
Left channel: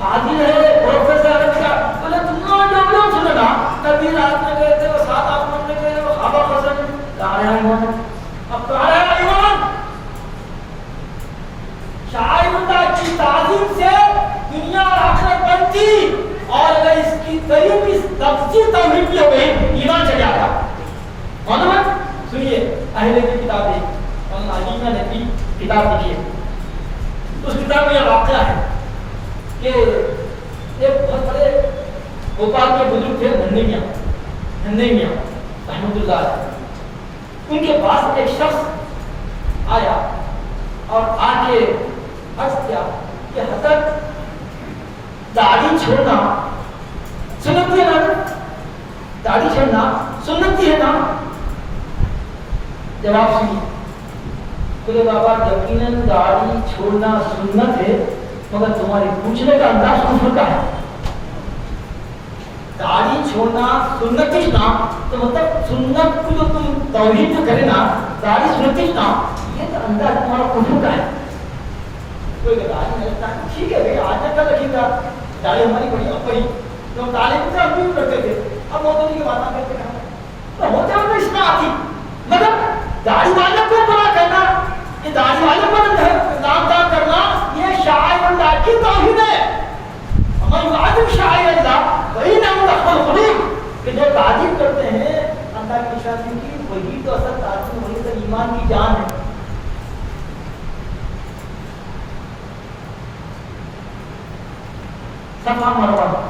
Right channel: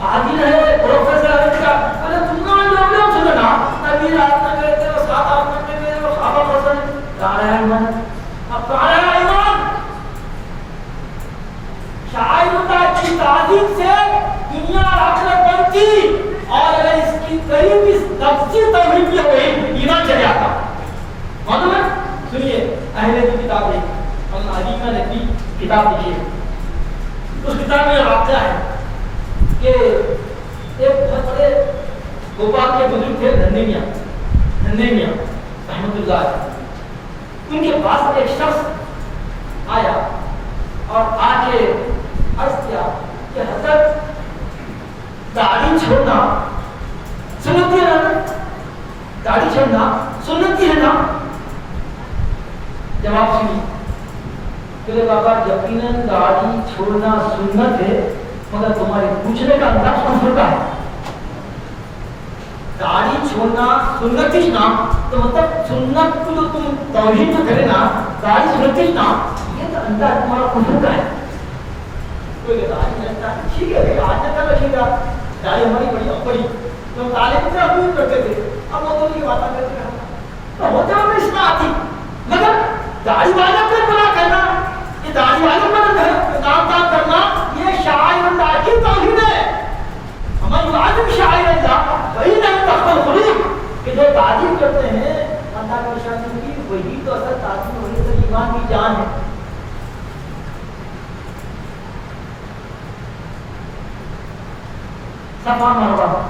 حاضر ہے پروفیسر عرب کا بولے تم نے لوگ سننا نبی رات میں گئے تھے 7-8 منٹ میں گئے وہ خوابہ فصل کہا ہے ایمان اب کہا ہے ایمان شاعر اللہ کی تعظیم سے دنیا اور آخرت بنتی اور اگر اس کی قریب اس تفسیر توحید بھی ہو گئی ایمان چڑھ جاتا. معلوم ہے سنیے اہل کی کتاب ہے علیمہ نے کی کتاب لکھی ہے. اس کتاب میں واقعہ ہے کہ ایک بہت بڑے بھوپال کے بزرگ تھے نندے میاں رحمۃ اللہ ان کے پاس ایک شخص آیا اور آ کے عرض کیا کہ حضرت داڑھی چھوڑنا سنتی ہے نا داڑھی چھوڑنا سنتی ہے نا. جواب سنی بولے بابا یقیناً داڑھی چھوڑنا سنت ہے مگر تمہارے پوچھنے کا انداز کفر کا ہے. داڑھی چھوڑنا سنت ہی نا تو مطلب سنت کو جو تم توحید تو کرے نا داڑھی سنت ہی نا یہ تو انداز تمہارا کفر کا ہے. ٹھیک ہے بھائی آج تک رکھے گا داڑھی ہماری بڑی اپنی تو تعلیم سے ہم بھی کرتے تھے اب موتوں کی بات کرتے ہیں تو موتوں میں اس میں آتی مگر داڑھی والوں کو بنا کرنا یہ داڑھی والوں کو نام دان کرنا یہ شاعر اللہ کی توہین ہے. ہمارے ملازم شاعر اللہ وہی نام تخبل خلوق کہ جو تعظیم کرتے ہیں اللہ کی شان کی وہی تو اصل تعظیم وہی تو ایمان کی جان ہے. صفا مروا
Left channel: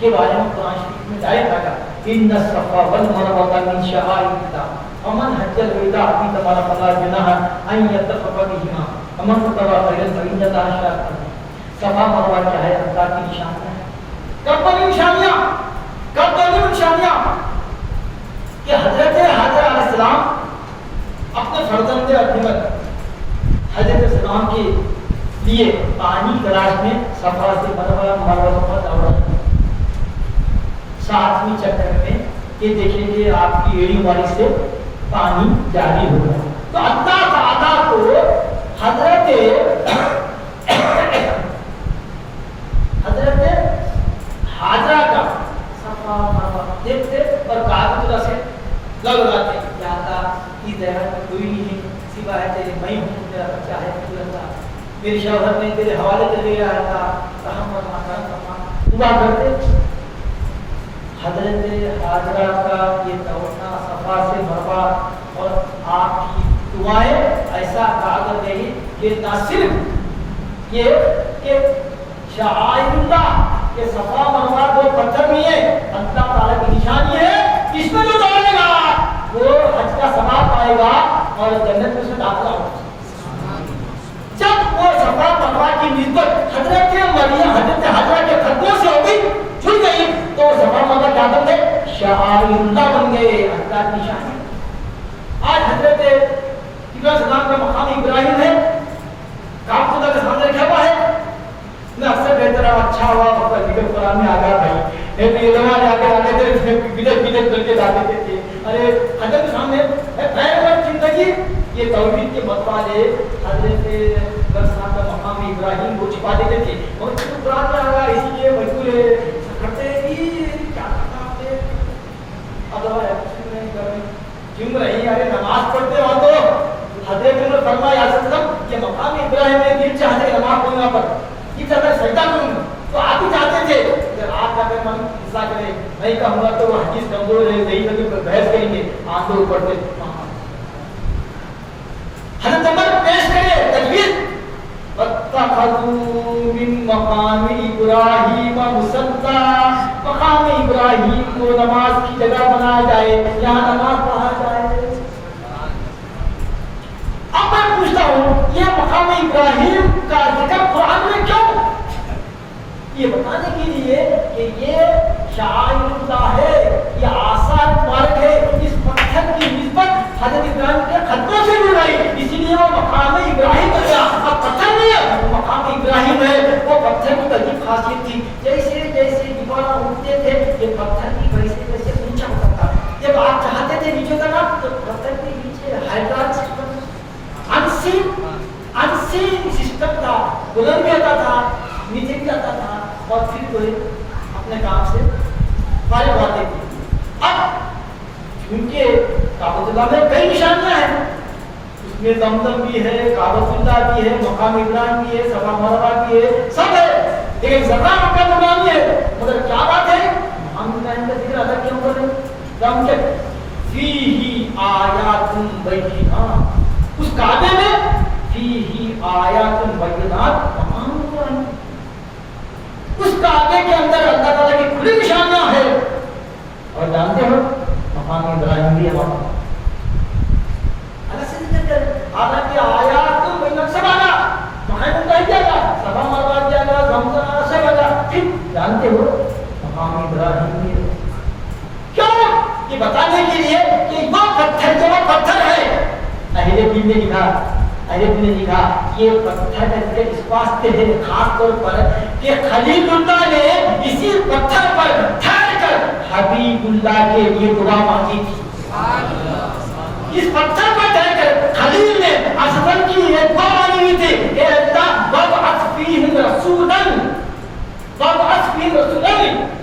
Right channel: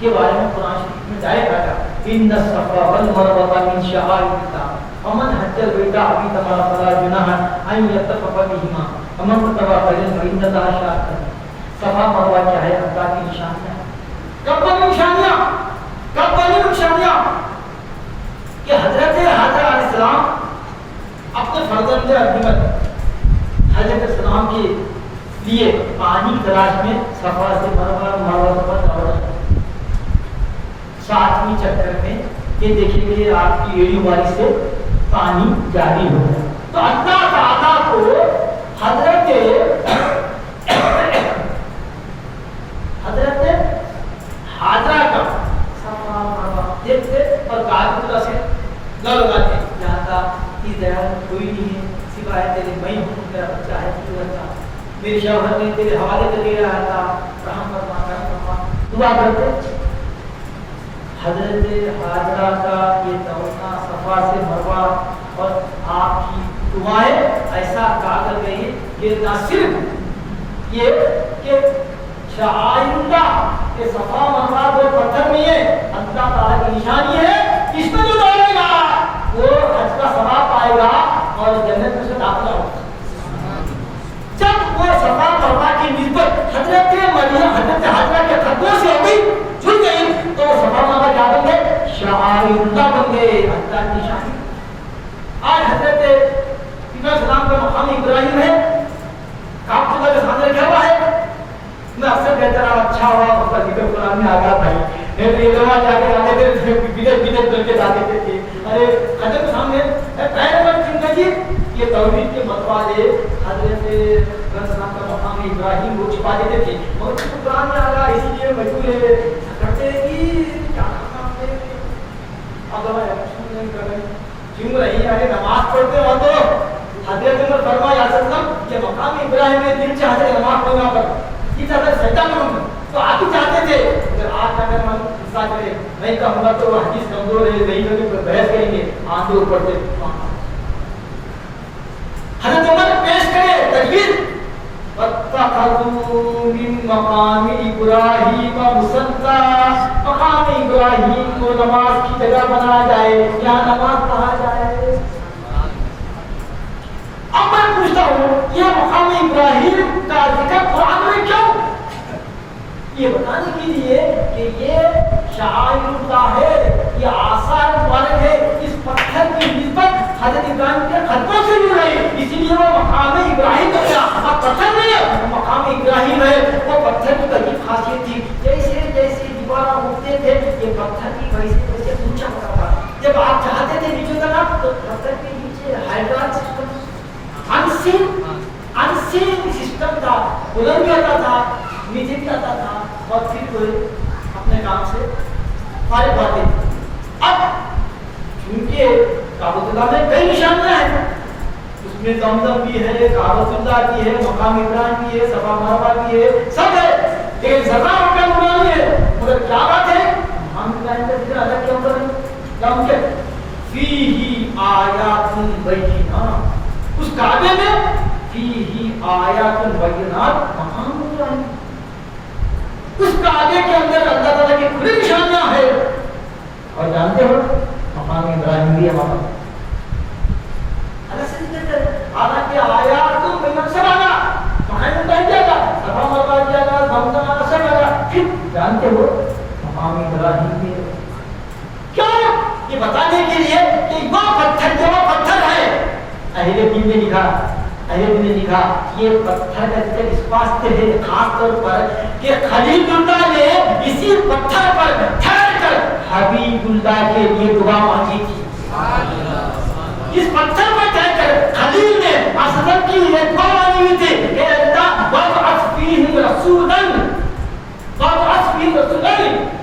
کے بارے میں قرآن شریف میں ڈائریکٹ آیا ان الصفا والمروہ من شعائر اللہ ومن حج البیت فی تمام فلا جناح ان یطوف بہما ومن تطوع خیرا فإن اللہ شاکر. صفا مروا کیا ہے؟ اللہ کی نشانیاں ہیں. کب بنی نشانیاں کہ حضرت حاجہ علیہ السلام اپنے فرزند ابیمت حضرت السلام کے لیے پانی تلاش میں صفا سے مروا پر دوڑ رہے. 7ویں چکر میں یہ دیکھیں کہ آپ کی ایڑی والی سے پانی جاری ہو گیا. تو اللہ تعالیٰ کو حضرت حاجرہ کا बच्चा है मेरे शौहर ने तेरे हवाले कर दिया था रहम फरमा दुआ करते। हजरत हाजरा का ये तमन्ना सफा से मरवा और आपकी दुआएं ऐसा कहा कर गई कि ना सिर्फ ये कि शाइंदा के सफा मरवा दो पत्थर नहीं है, अल्लाह ताला की निशानी है, इसमें जो दौड़ेगा वो हज का सवाब पाएगा और जन्नत में दाखिला होगा। जब वो सफा मरवा की निस्बत हजरत मरियम हजरत हाजरा के खतों से हो गई, जुड़ गई, तो सफा मरवा क्या बन गए? शाइंदा बन गए, अल्लाह की निशानी। आज हजरत इब्राहिम का मकाम इब्राहिम है, काबतुल्लाह के सामने रखा हुआ है। मैं अक्सर कहता रहा अच्छा हुआ मतलब निकल कुरान में आ गया भाई, नहीं तो ये नमाज आके जाते थे बिदत बिदत करके जाते थे। अरे हजरत सामने पैगंबर जिंदगी ये तौहीद के मतवाले हजरत इब्राहिम का मकाम इब्राहिम को छिपा देते थे और कुरान में आ गया इसलिए मजबूर है करते कि क्या आपने अगर नहीं कर रहे क्यों रही अरे नमाज पढ़ते हो तो हजरत उमर फरमाया सल्लम ये मकाम इब्राहिम ने दिल चाहते हैं नमाज पढ़ना पर ये चाहते सजदा करूं तो आप ही चाहते थे अगर आज अगर मन हिस्सा करे नहीं कहूंगा तो हदीस कमजोर है नहीं लोग बहस करेंगे आंधे ऊपर पे। हजरत उमर पेश करे तकबीर वत्तखज़ू मिन मकाम इब्राहिम मुसल्ला, मकाम इब्राहिम को नमाज की जगह बनाया जाए, यहाँ नमाज पढ़ा जाए। अब मैं पूछता हूँ ये मकाम इब्राहिम का जिक्र कुरान में क्यों? ये बताने के लिए कि ये शाइरुल्लाह है, ये आसार मुबारक है, इस पत्थर की निस्बत हजरत इब्राहिम के खतों से जुड़ रही, इसीलिए वो मकाम इब्राहिम हो गया। अब पत्थर नहीं है, वो मकाम इब्राहिम है। वो पत्थर की बड़ी खासियत थी, जैसे जैसे दीवार उठते थे ये पत्थर की वैसे वैसे ऊंचा होता था। जब आप चाहते थे नीचे उतरना तो पत्थर के नीचे हाइड्राल सिस्टम अनसीन सिस्टम था, बुलंद भी आता था नीचे भी आता था और फिर कोई अपने काम से फारिग होते थे। अब चूंकि काबतुल्लाह में कई निशानियां हैं, उसमें जमजम भी है, काबतुल्लाह भी है, मकाम इब्राहिम भी है, सफा मरवा भी है, सब है, लेकिन सफा मक्का इब्राहिम है। मगर क्या बात है हम इब्राहिम का जिक्र अलग क्यों कर रहे हैं? हम के फीही आयातुन बैयिनात, उस काबे में फीही आयातुन बैयिनात तमाम हुआ है। उस काबे के अंदर अल्लाह ताला की खुली निशानियां हैं और जानते हो मकाम इब्राहिम भी है वहां अलग से जिक्र कर। हालांकि आयातुन बैयिनात सब आया, मकाम इब्राहिम जाएगा, सफा मरवा जाएगा, जमजम आना सब आएगा, फिर जानते हो मकाम इब्राहिम भी है। क्यों? ये बताने के लिए कि वो पत्थर जो वो पत्थर है, अहले दीन ने लिखा, अहले दीन ने लिखा ये पत्थर का जिक्र इस वास्ते है खास तौर पर कि खलीलुल्लाह ने इसी पत्थर पर ठहरकर हबीबुल्लाह के लिए दुआ मांगी थी। इस पत्थर पर ठहरकर खलील ने असलम की ये दुआ मांगी हुई थी कि अल्लाह वबअस फीहिम रसूलन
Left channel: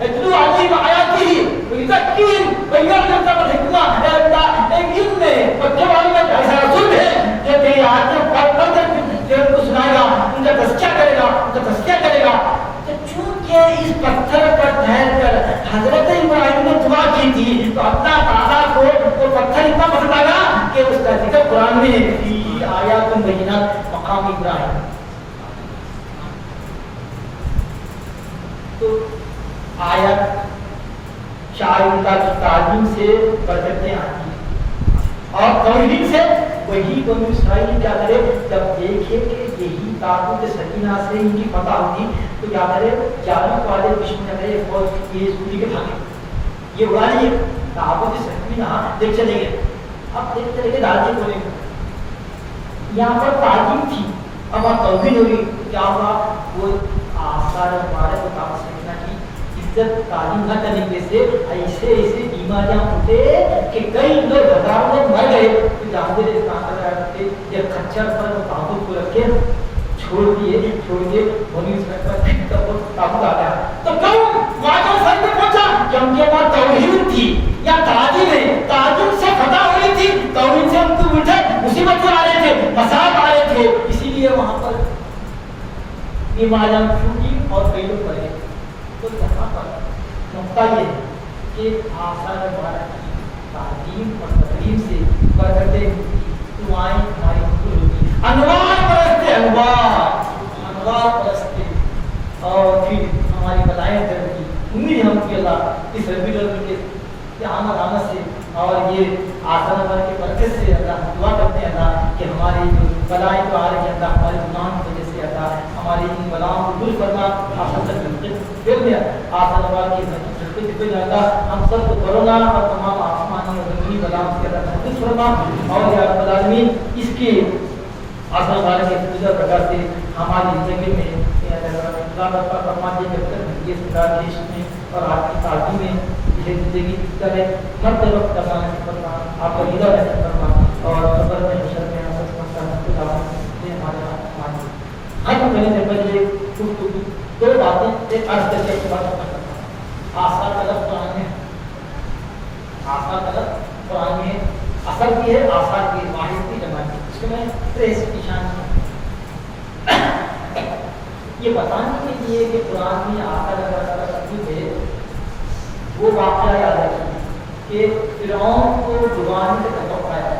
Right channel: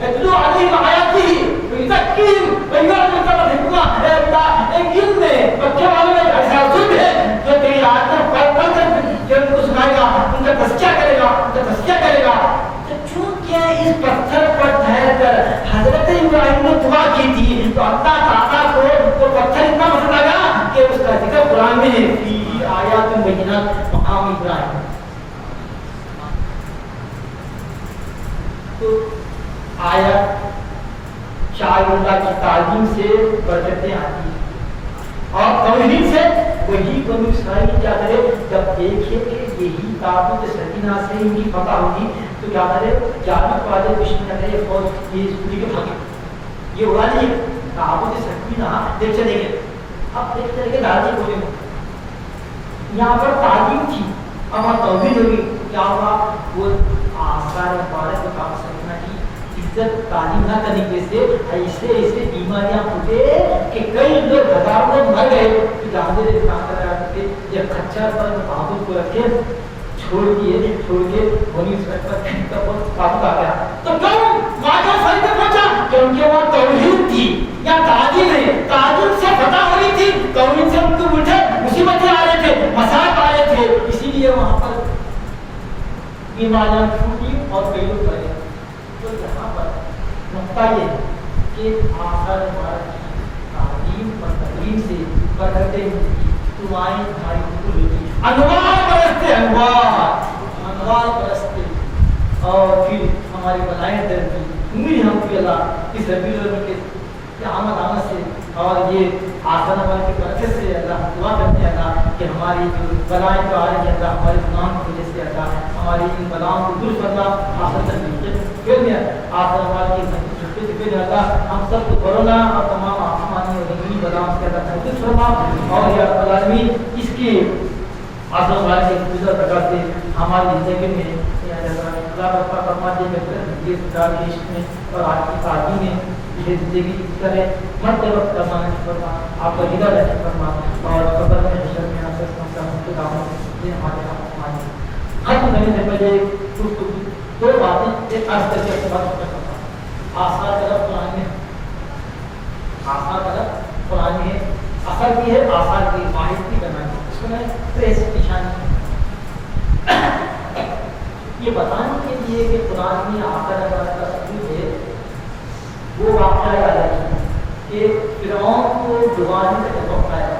यतलू अलैहिम आयातिही वयुज़क्कीहिम वयुअल्लिमुहुम अल-हिकमा। अल्लाह एक इल्म बच्चे वाले में ऐसा जुल्म है जो तेरी आयत पढ़ कर जो उनको सुनाएगा, उनका तज़किया करेगा। तो चूंकि इस पत्थर पर ठहरकर हजरत इब्राहिम ने दुआ की थी तो अल्लाह ताला को वो पत्थर इतना पसंद आया कि उसका जिक्र कुरान में है फीही आयातुन बैयिनात मकाम इब्राहिम। तो आयत शाइरुल्लाह की तालीम से बरकतें आती हैं और तौहीद से वही बनु इसराइल क्या करे जब देखे कि यही ताबूत सकीना से इनकी फतह होगी तो क्या करे जालिब वाले दुश्मन ने फौज ये पूरी के भागे, ये हुआ नहीं ताबूत सकीना देख चलेंगे। अब देख चलेंगे दादी बोले यहाँ पर तालीम थी, अब आप तौहीद होगी क्या हुआ वो आसार मुबारक ताबूत सकीना की इज्जत तालीम न करने से ऐसे ऐसे बीमारियां फूटे कि कई लोग हजारों लोग मर गए। तो जानते थे कहाँ थे जब खच्चर पर ताबूत को रखे छोड़ दिए वहीं पर ताबूत आ गया तो क्यों वाक़ई सही में पहुंचा क्योंकि वहाँ तौहीद थी या तालीम है, तालीम से फतह हो रही थी, तौहीद से उनको उल्टे मुसीबतें आ रहे थे, मसाइल आ रहे थे बीमारियां छूटी और कई लोग मरे। तो यहाँ पर नुकता ये है कि आसार मुबारक की तालीम और तकलीम से बरकतें मिलती, दुआएं हमारी कबूल होती, अनवार परस्ते और फिर हमारी बलाएं डरती। उम्मीद हम कि अल्लाह इस रबीउल अव्वल के आमद से और ये आसन वाले के बरकत से अल्लाह हम दुआ करते हैं अल्लाह कि हमारी जो बलाएं तो आ रही है अल्लाह हमारे गुनाह की वजह से अल्लाह हमारी इन बलाओं को दूर करना आसन तक मिलते आसन वाले की अल्लाह हम सब को कोरोना और तमाम आसमानी और ज़मीनी बलाओं से अल्लाह महफूज फरमा और या रब्बुल आलमीन इसके आसन वाले के गुजर प्रकार से हमारी ज़िंदगी में अल्लाह का फरमा दे ये देश में और आपकी शादी में ये जिंदगी करे मर्तबा तमाम फरमा आपका दीदा रहने फरमा और कब्र में हशर में आपसे समस्या को दामन से हमारे खत्म करने से पहले कुछ दो बातें एक अर्थ करके समाप्त करता आस्था तरफ कुरान में आस्था तरफ कुरान में असर की है आसार की वाहिद की करना है इसमें ट्रेस निशान ये बताने के लिए कि कुरान में आस्था का तकलीफ है वो वाक़या याद रखिए कि फिरौन को डुबाने का जब आया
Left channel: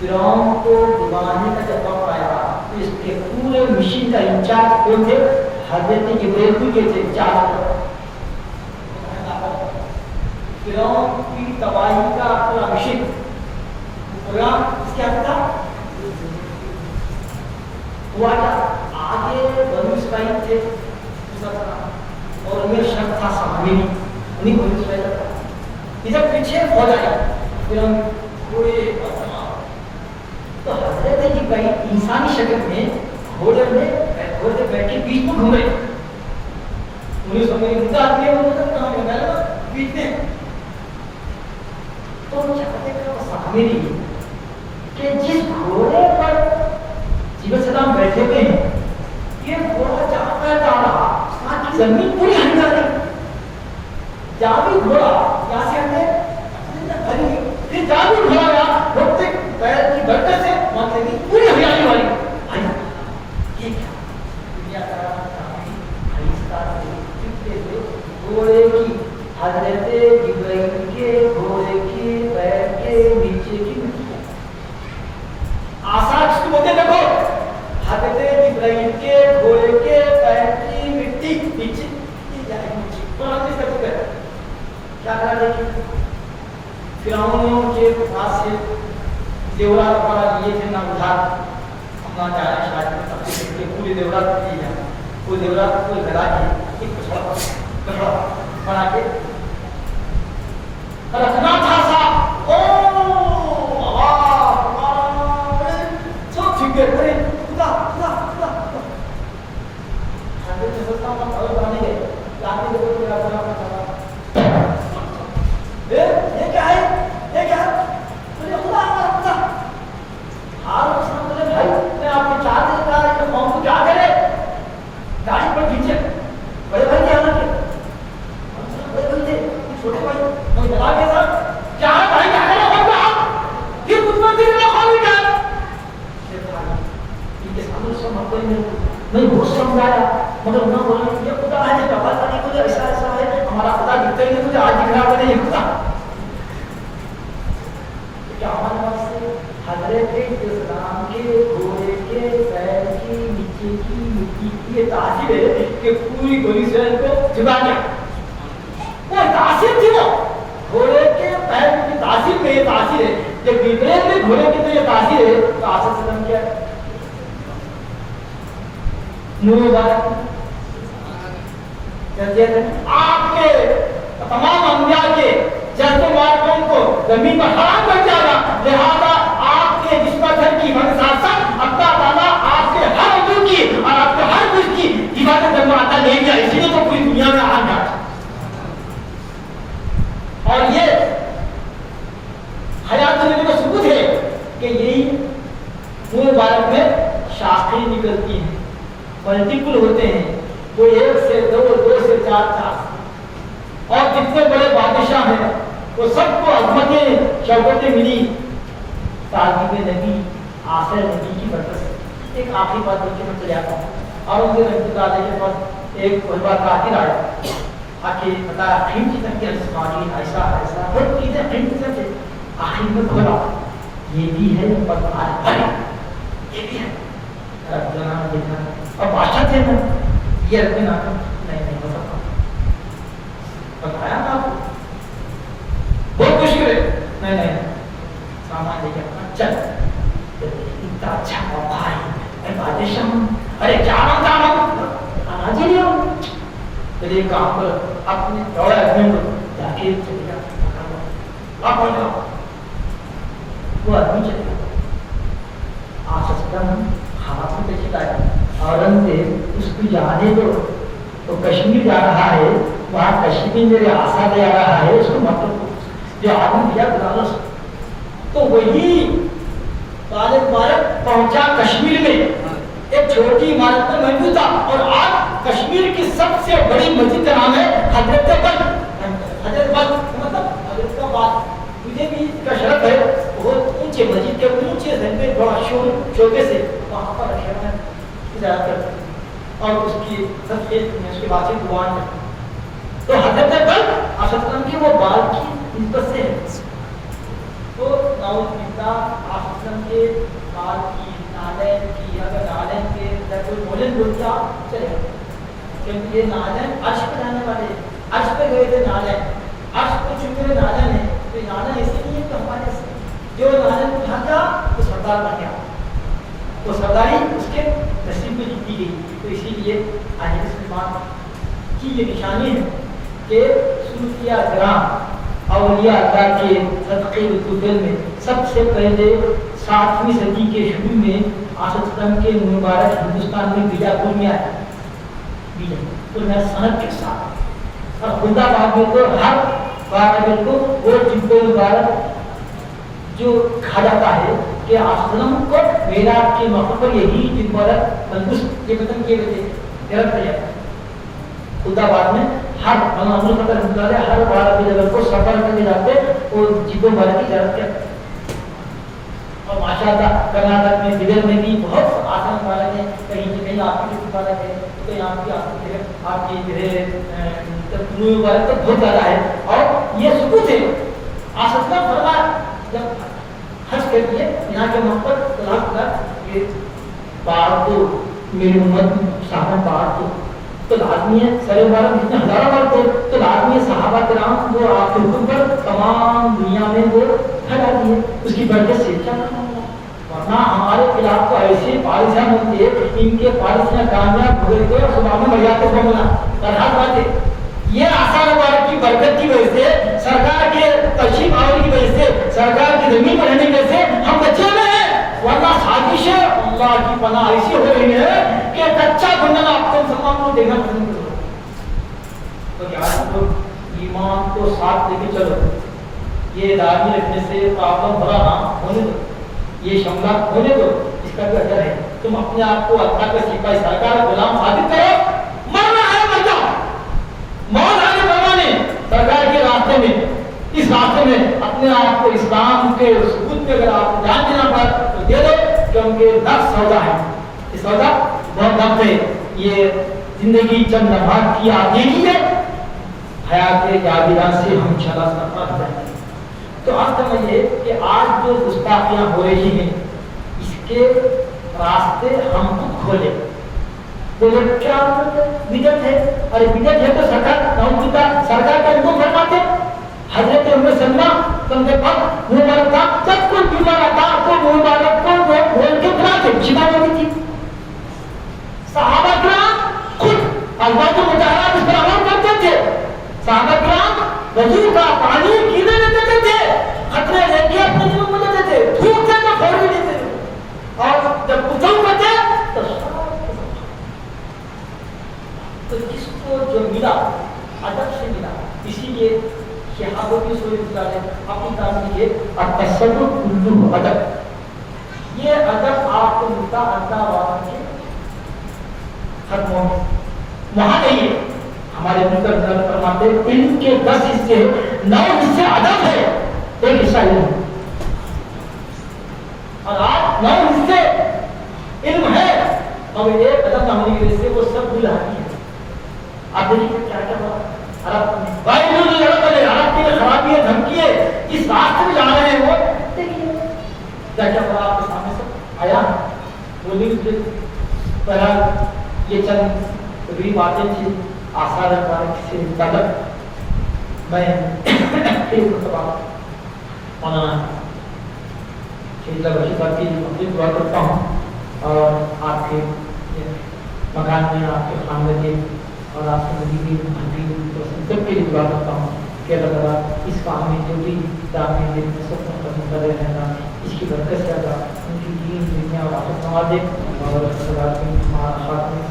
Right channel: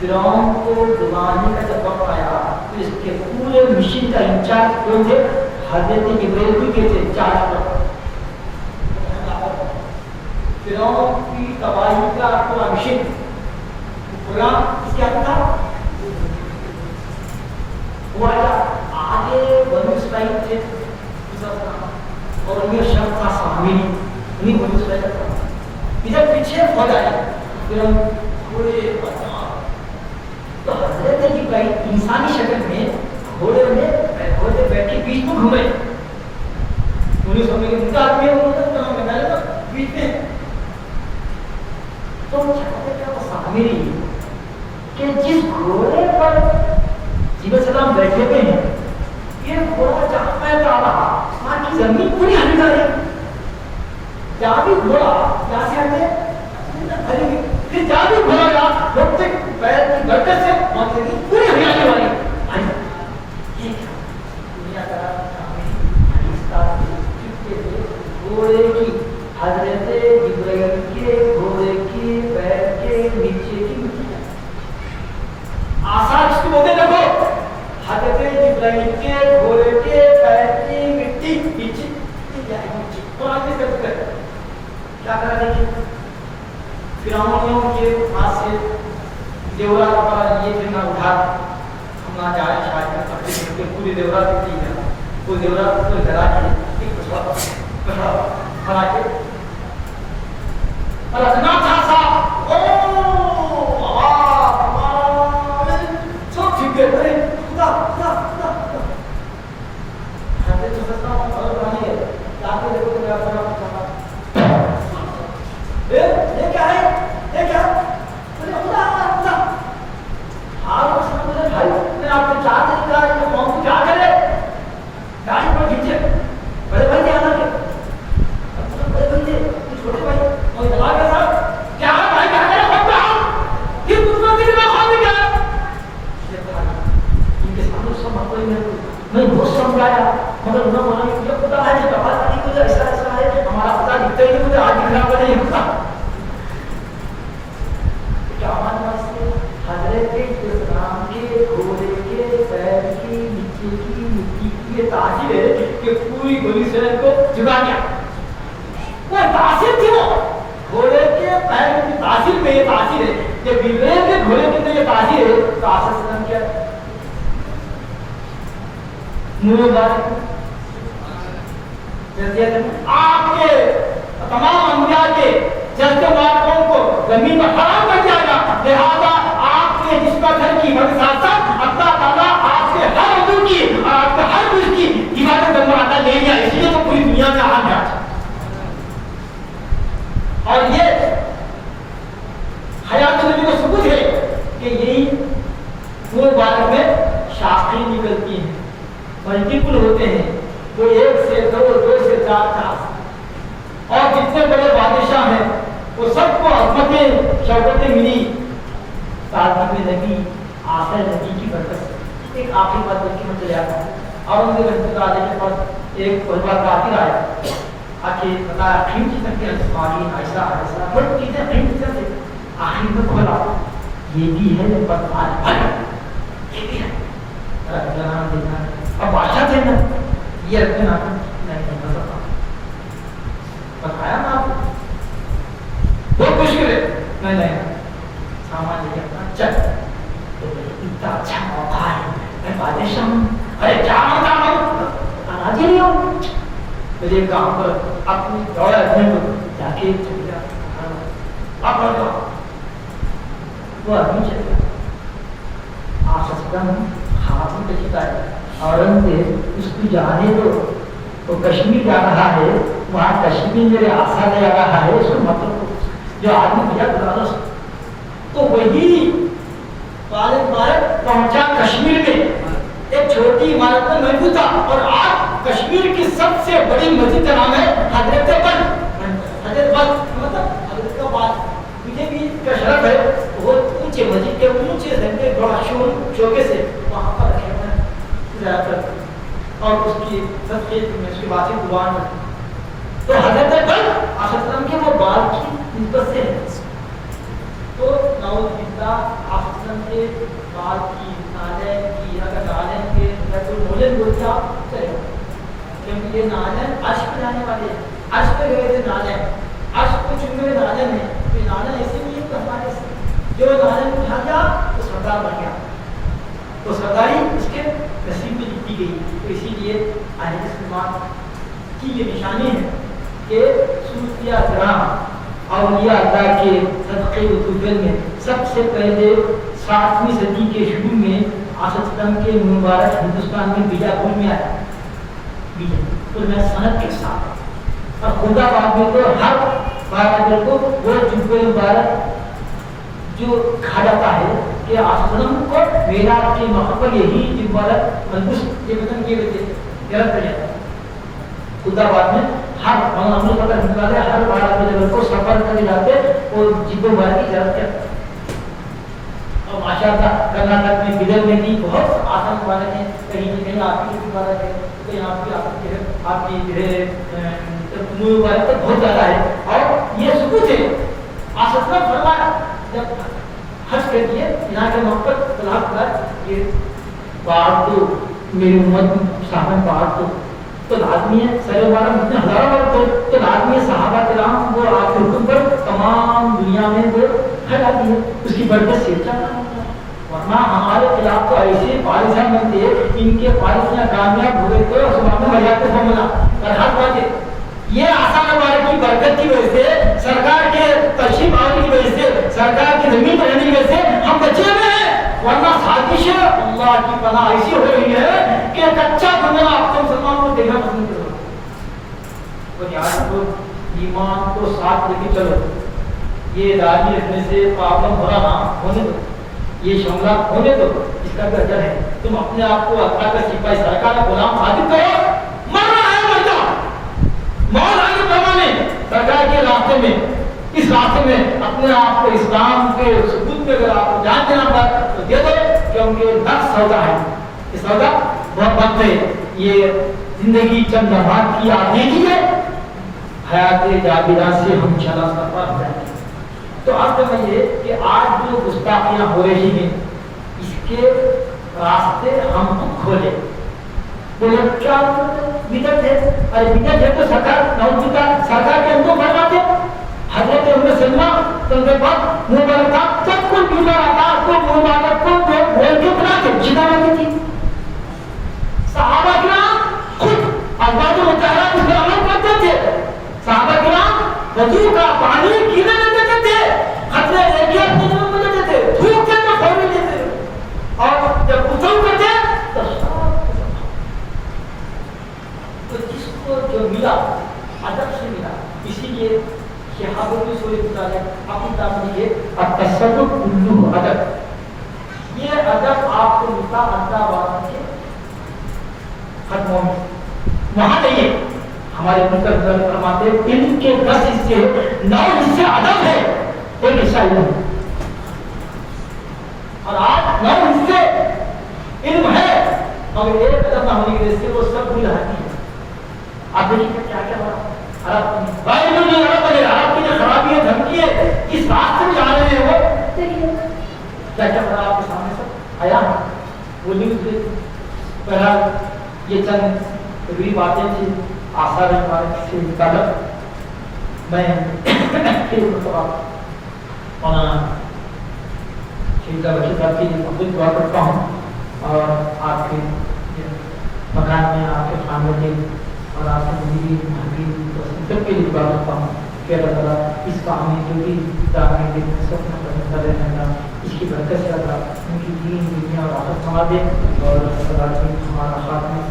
फिरौन को डुबाने का जब आया तो इसके पूरे मिशन का इंचार्ज कौन थे हज़रत इब्राहीम के थे इंचार्ज फिरौन की तबाही का पूरा मिशन पूरा क्या था हुआ आगे बनु इस्राइल थे और उनमें शब्द था सामिनी उन्हीं बनु इस्राइल का इधर पीछे हो जाएगा फिर हम पूरे तो हजरत इब्राहीम इंसानी शक्ल में घोड़े पे बैठे बीच में घूम रहे उन्हें समझ उनका आदमी है वो तो कहाँ में ना बीच में तो चाहते क्या सामिनी कि जिस घोड़े पर जीवन सलाम बैठे हुए हैं ये घोड़ा जहाँ पे जा रहा वहाँ की जमीन पूरी हट जा रही जहाँ भी घोड़ा यहाँ से हमें फिर जहाँ भी घोड़ा गया रोकते पैर की बरकत से वहाँ से पूरी हरियाली वाली ये दुनिया का घोड़े की हजरत इब्राहीम के घोड़े के पैर के नीचे की मिट्टी आसार इसको बोलते देखो हजरत इब्राहीम के घोड़े के पैर की मिट्टी नीचे तो आदमी कर सकते क्या कर रहे थे फिरौन के पास से जेवरात का ये जितना उधार हम ना जा रहे शादी अपने पूरे जेवरात की है वो जेवरात को लगा के एक कपड़ा बना के रखना था साहब ओ सब ठीक है अरे खुदा खुदा खुदा हजरत सस्ता हम और बनाने गए लाके देखो मेरा बड़ा ये क्या है ये क्या अरे खुदा खुदा हां उसने बोले भाई मैं आपको चाह देगा कि हम को क्या करे गाड़ी पर खींचे बड़े भाई आना के बड़े भाई ये छोटे भाई मैं बुला के साहब क्या है भाई क्या करे हम आप कि उसमें दिल में खाली क्या इनके सामने सब हम कोई नहीं बहुत समझाया मगर उन्होंने बोला ये पता है कि बाबा का कुछ ऐसा ऐसा है हमारा पता दिखता ही नहीं मुझे आज दिखना पड़े ये पता क्या हमारे पास से हजरत इस्लाम के घोड़े के पैर के नीचे की मिट्टी की ये तासीर है कि पूरी गोली से को जुड़ा गया वो तासीर थी वो घोड़े के पैर की तासीर में ये तासीर है ये बिगड़े के घोड़े की तो ये तासीर है तो आसर से क्या मुबारक जल्दी आपके तमाम अंबिया के जज्बे मुबारकों को जमीन पर हराम कर जाएगा लिहाजा आपके जिस्म घर की मदद साथ साथ अल्लाह ताला आपके हर उम्र की और आपके हर कुछ की इबादत करने आता ले गया इसलिए तो पूरी दुनिया में आ गया और ये हयात नबी का सबूत है कि यही मुबारक में शास्त्री निकलती हैं मल्टीपल होते हैं जो एक से दो दो से चार चार और जितने बड़े बादशाह हैं वो सबको अज़मतें शौकतें मिली ताज़ीब नबी आखिर नबी की बरकत से एक आखिरी बात बच्चे में चले आता है औरंगजेब रहमतुल्लाह अलैह के पास एक बड़ा कातिल आया, आके बताया कहीं की सकते हैं इस्माइल ऐसा ऐसा कोई चीजें कहीं की सकते, आखिर में बोला ये भी है पर ये भी है जनाब देखा और बादशाह थे ना ये रखते ना नहीं बता बताया ना आपको बहुत मुश्किल है नहीं सामान लेके चल तो इतना अच्छा मौका है बादशाह अरे क्या मांगता हूँ आज ही हो मेरे काम पर अपने दौड़े आदमी को जाके चले जा आप बोल दो वो आदमी चले आसम हाथ में देखता है औरंगजेब उसको जाने दो तो कश्मीर जा रहा है वहाँ कश्मीर मेरे आशा ले आ रहा है उसको मतलब जो आदमी भैया बुला तो वही भारत पहुंचा कश्मीर में एक छोटी इमारत में महबूब था और आज कश्मीर की सबसे बड़ी मस्जिद का नाम है हजरत बल मतलब हजरत का बात मुझे भी का शरफ है बहुत ऊंचे मस्जिद के ऊंचे से बड़ा शोके से वहाँ पर रखे हैं और उसकी सबसे उसकी बातचीत दुआन है तो हजरत बल आसम के वो बाल की निस्बत से है तो नौबिल्ला आसम के बाल की नालन की अगर नालन के तो मोलन बोलता चलेगा क्योंकि ये नालन अर्श पे रहने वाले अर्श पे गए थे नालन अर्श को चुके नालन है तो नालन इसीलिए तो हमारे जो नालन उठा गया तो सरदार बन गया तो सरदारी उसके नसीब में लिखी गई तो इसीलिए आज मुसलमान की ये निशानी है कि सूफिया ग्राम औलिया अल्लाह के सदक़े कुतुब में सबसे पहले 7वीं सदी के शुरू में आसम के मुबारक हिंदुस्तान में बीजापुर में आया बीजापुर में सनत के साथ और खुदाबाद में तो हर 12 को वो जुब्बे मुबारक जो कहा जाता है कि आसम को मेराज के मौके पर यही मुबारक मंदुस ये खत्म किए गए थे गलत कर जाता खुदाबाद में हर अमल का निकाले हर 12 लेवल को सफर करके जाते तो जीवो भर की जरूरत है और माशाअल्लाह कर्नाटक में बिदर में भी बहुत आसान वाले हैं कहीं आपकी वाला है कहीं आपकी तकनीक वाले तो बहुत ज़्यादा है और ये सबूत है आसफा फरमाया जब हज कर दिए यहाँ के मकबल तलाक कर ये बाढ़ को मेरी उम्मत सामने बाढ़ को तो लाजमी है सर बारह जितने हजारों बार थे तो लाजमी है सहाबा कराम वो आपके हुक्म पर तमाम दुनिया में वो खड़ा दिए उसकी बरकत से वरना हमारे खिलाफ तो ऐसे पारिशा बनते इनके पारिशा कामयाब हो गए तो सुबह में मर्यादा को मिला तरह बात है ये आसान बार की बरकत की वजह से सरकार के तशीफ आने की वजह से सरकार की जमीन पर रहने की वजह से हम बचे हुए हैं वरना साजिश अल्लाह की पनाह ऐसी हो रही है कि कच्चा गुंडा आप तो मुसलमान को देखना पसंद करो तो क्या लोग ईमान को साथ लेके चलो ये दाढ़ी रखने से पापन भरा ना होने दो ये शमला होने दो इसका भी अजर है तुम अपने आप को अल्लाह का सिपाही सरकार गुलाम साबित करो मरना है मर जाओ मौत आने परवाने सरकार के रास्ते में इस रास्ते में अपने आप को इस्लाम के सबूत में अगर आपको जान देना पड़ा तो दे दो क्योंकि नफ्स सौदा है ये सौदा बहुत वक्त है ये जिंदगी चंद लम्हात की आती है हयात जाबिरा से हम चला सफर है तो अब समझिए कि आज जो गुस्ताखियां हो रही हैं इसके रास्ते हम खुद खोले बोले क्या बिदत है अरे बिदत है तो सरकार के उनको फरमाते हजरत उम्र सलमा उनके पास मुबारक था सब कुछ मुबारक था कोई मुबारक को वो बोल के बनाते जिना वाली थी सहाबा किराम खुद अल्लाह के मुताबिक इस पर अमल करते थे सहाबा किराम वजू का पानी पीने देते थे खतरे एहतियात नहीं देते थे धूप से तो फौरन देते थे और जब गुस्सा करते तो जिसको जो मिला अदब से मिला इसीलिए शहाबों की सोई गुजारे अपनी तारीफ ये अतसव्वुफ कुल्लुहु अदब ये अदब आपको मिलता अल्लाह वाला के खत्मों में वहाँ नहीं है हमारे मित्र फरमाते इनके 10 हिस्से 9 हिस्से अदब है एक हिस्सा इल्म और आज 9 हिस्से इल्म है और एक कदम होने की वजह से वो सब भूल आती है। आप देखिए क्या क्या हुआ, भाई मुझे हड़प की खराबी है, धमकी है, किस रास्ते में जा रहे हैं वो, क्या क्या करा आपके सामने से आया वो नहीं करा। ये चंद बुरी बातें थी, आशा रख पाए किसी कदर मैं फिर की दुआ करता हूँ और आपके मकान में आपके खानदान के और आपकी जिंदगी सबके लिए दुआ करता हूँ कि अल्लाह ताला इस काम में जो भी दाखिल के सपना पसंद कर रहे हैं इसकी बरकत से अल्लाह उनकी दीन दुनिया और आखिरत संवार दे और हमारा हाथ में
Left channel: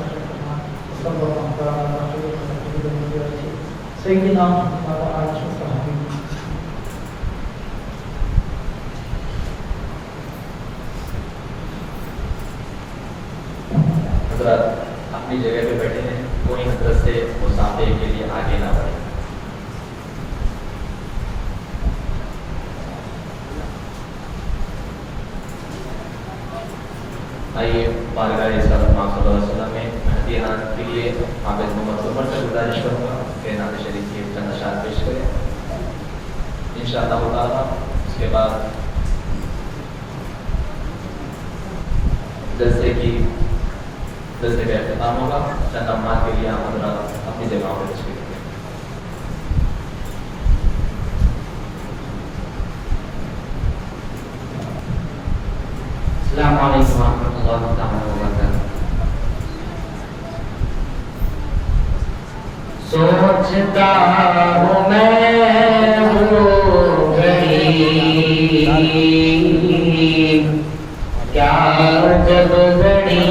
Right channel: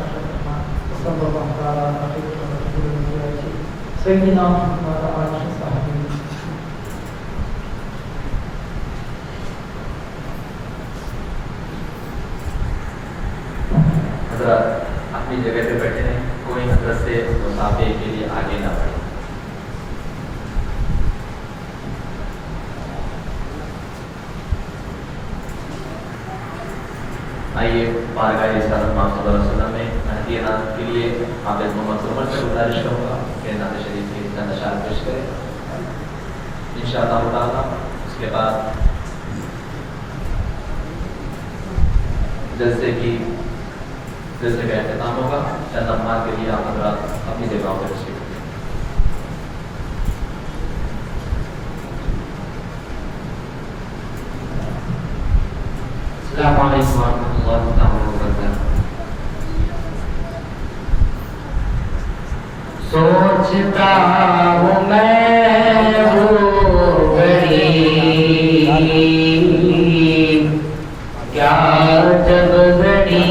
सब सही नाम अपनी जगह पे बैठे हैं, कोई हजरत से मुसाफे के लिए आगे ना बढ़े। आइए बारगाह सल्लल्लाहु अलैहि वसल्लम में मेहदी हाथ के लिए हाफिज मोहम्मद उमर से गुजारिश करूँगा कि नात शरीफ की चंद अशार पेश करें इंशाअल्लाह ताला। उसके बाद जलसे का एहतमाम होगा। चंद अम्मार के लिए आप हज़रात अपनी जगह पर तशरीफ रखें। अस्सलामु अलैकुम वरहमतुल्लाहि तआला वबरकातुहू। सोचता हूँ मैं वो घड़ी क्या जब घड़ी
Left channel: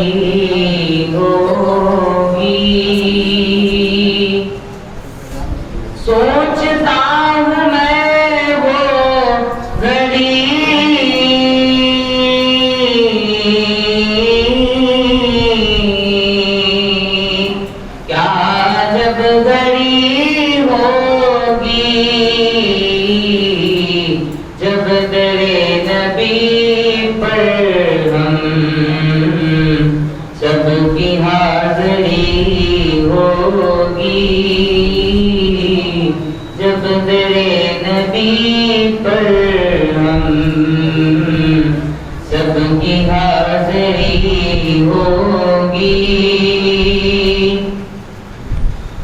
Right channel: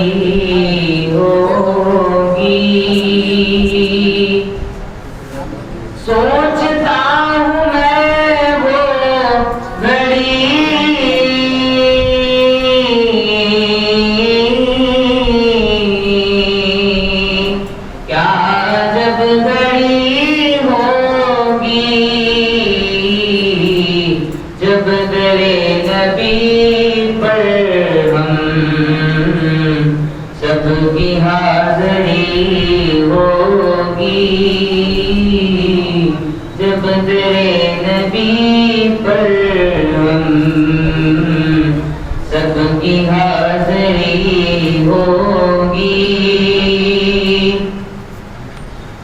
होगी, सोचता हूँ मैं वो घड़ी क्या जब घड़ी होगी, जब गए नबी पर सबकी हाज़री होगी, जब दरे नबी पर सबकी हाज़री होगी।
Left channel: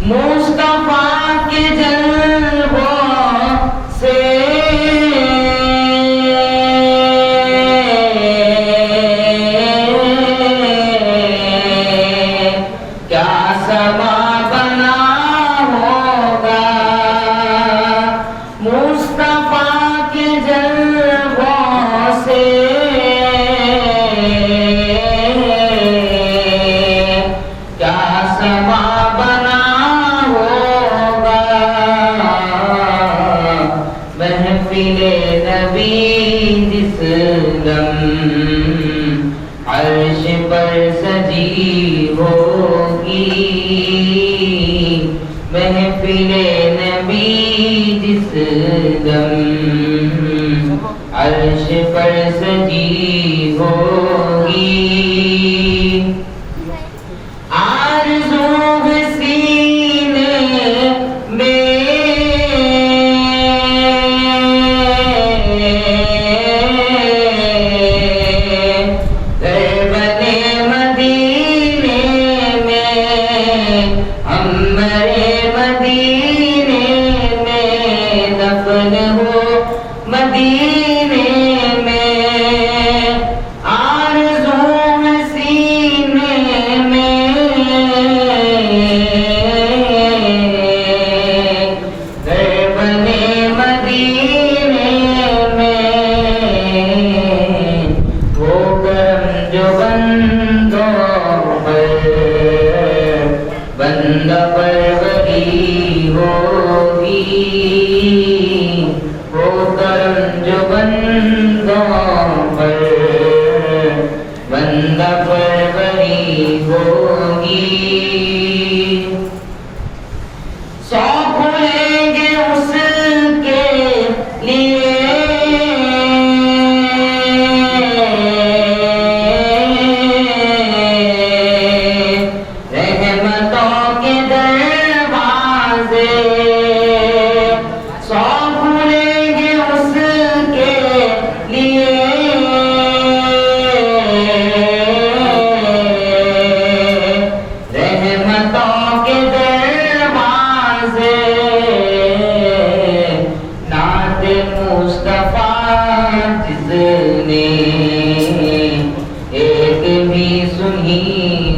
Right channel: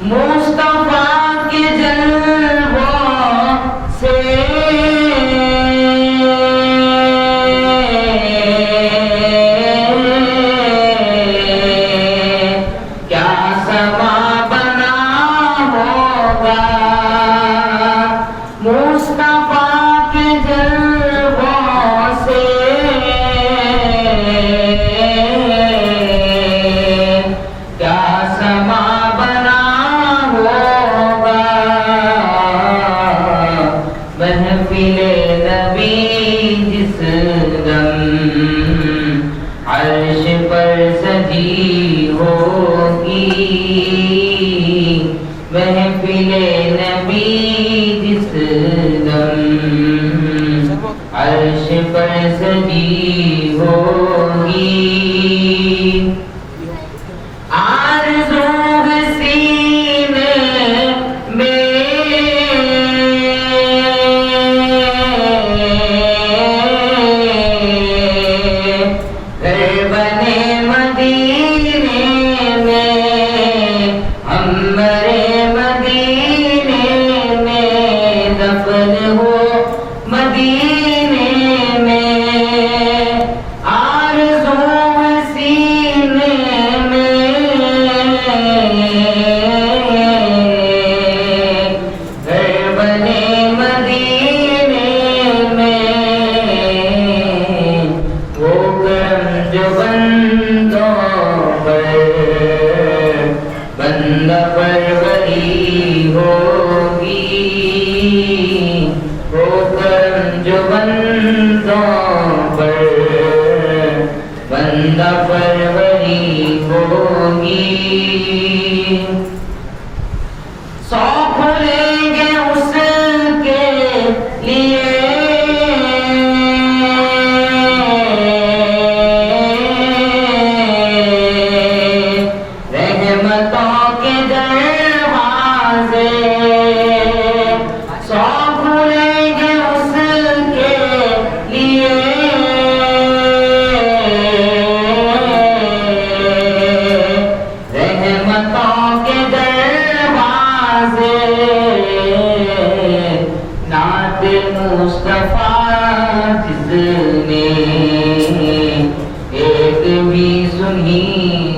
मुस्तफा के जलवों से महफिले नबी जिस दम अर्श पर सजी होगी, महफिले नबी जिस दम अर्श पर सजी होगी। आरज़ू सीने में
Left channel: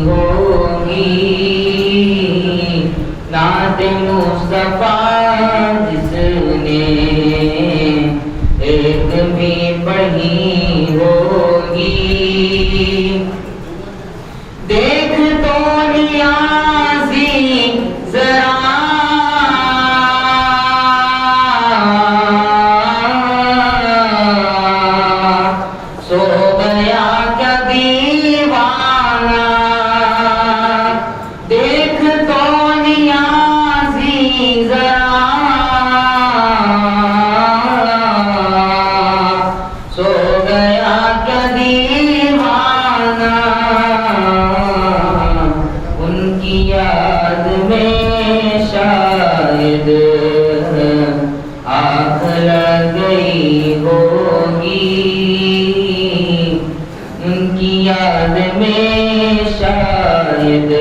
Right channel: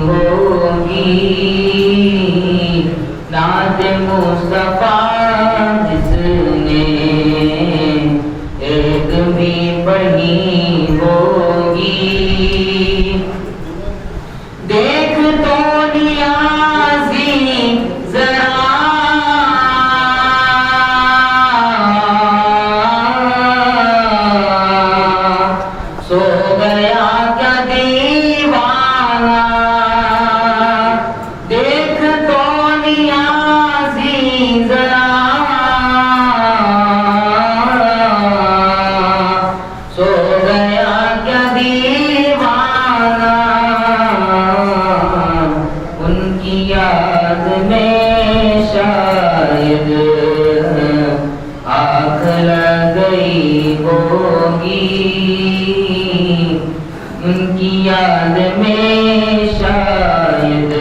ہوگی نعت مصطفیٰ جس نے ایک بھی پڑھی ہوگی دیکھ تو نیازی ذرا سو گیا کیا دیوانہ دیکھ تو نیازی ذرا سو گیا کیا دیوانہ ان کی یاد میں شاید آنکھ لگ گئی ہوگی ان کی یاد میں شاید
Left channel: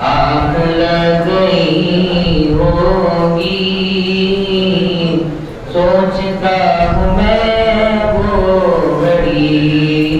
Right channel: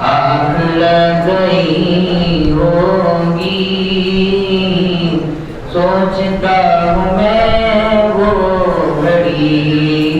آنکھ لگ گئی ہوگی سوچتا ہوں میں وہ گھڑی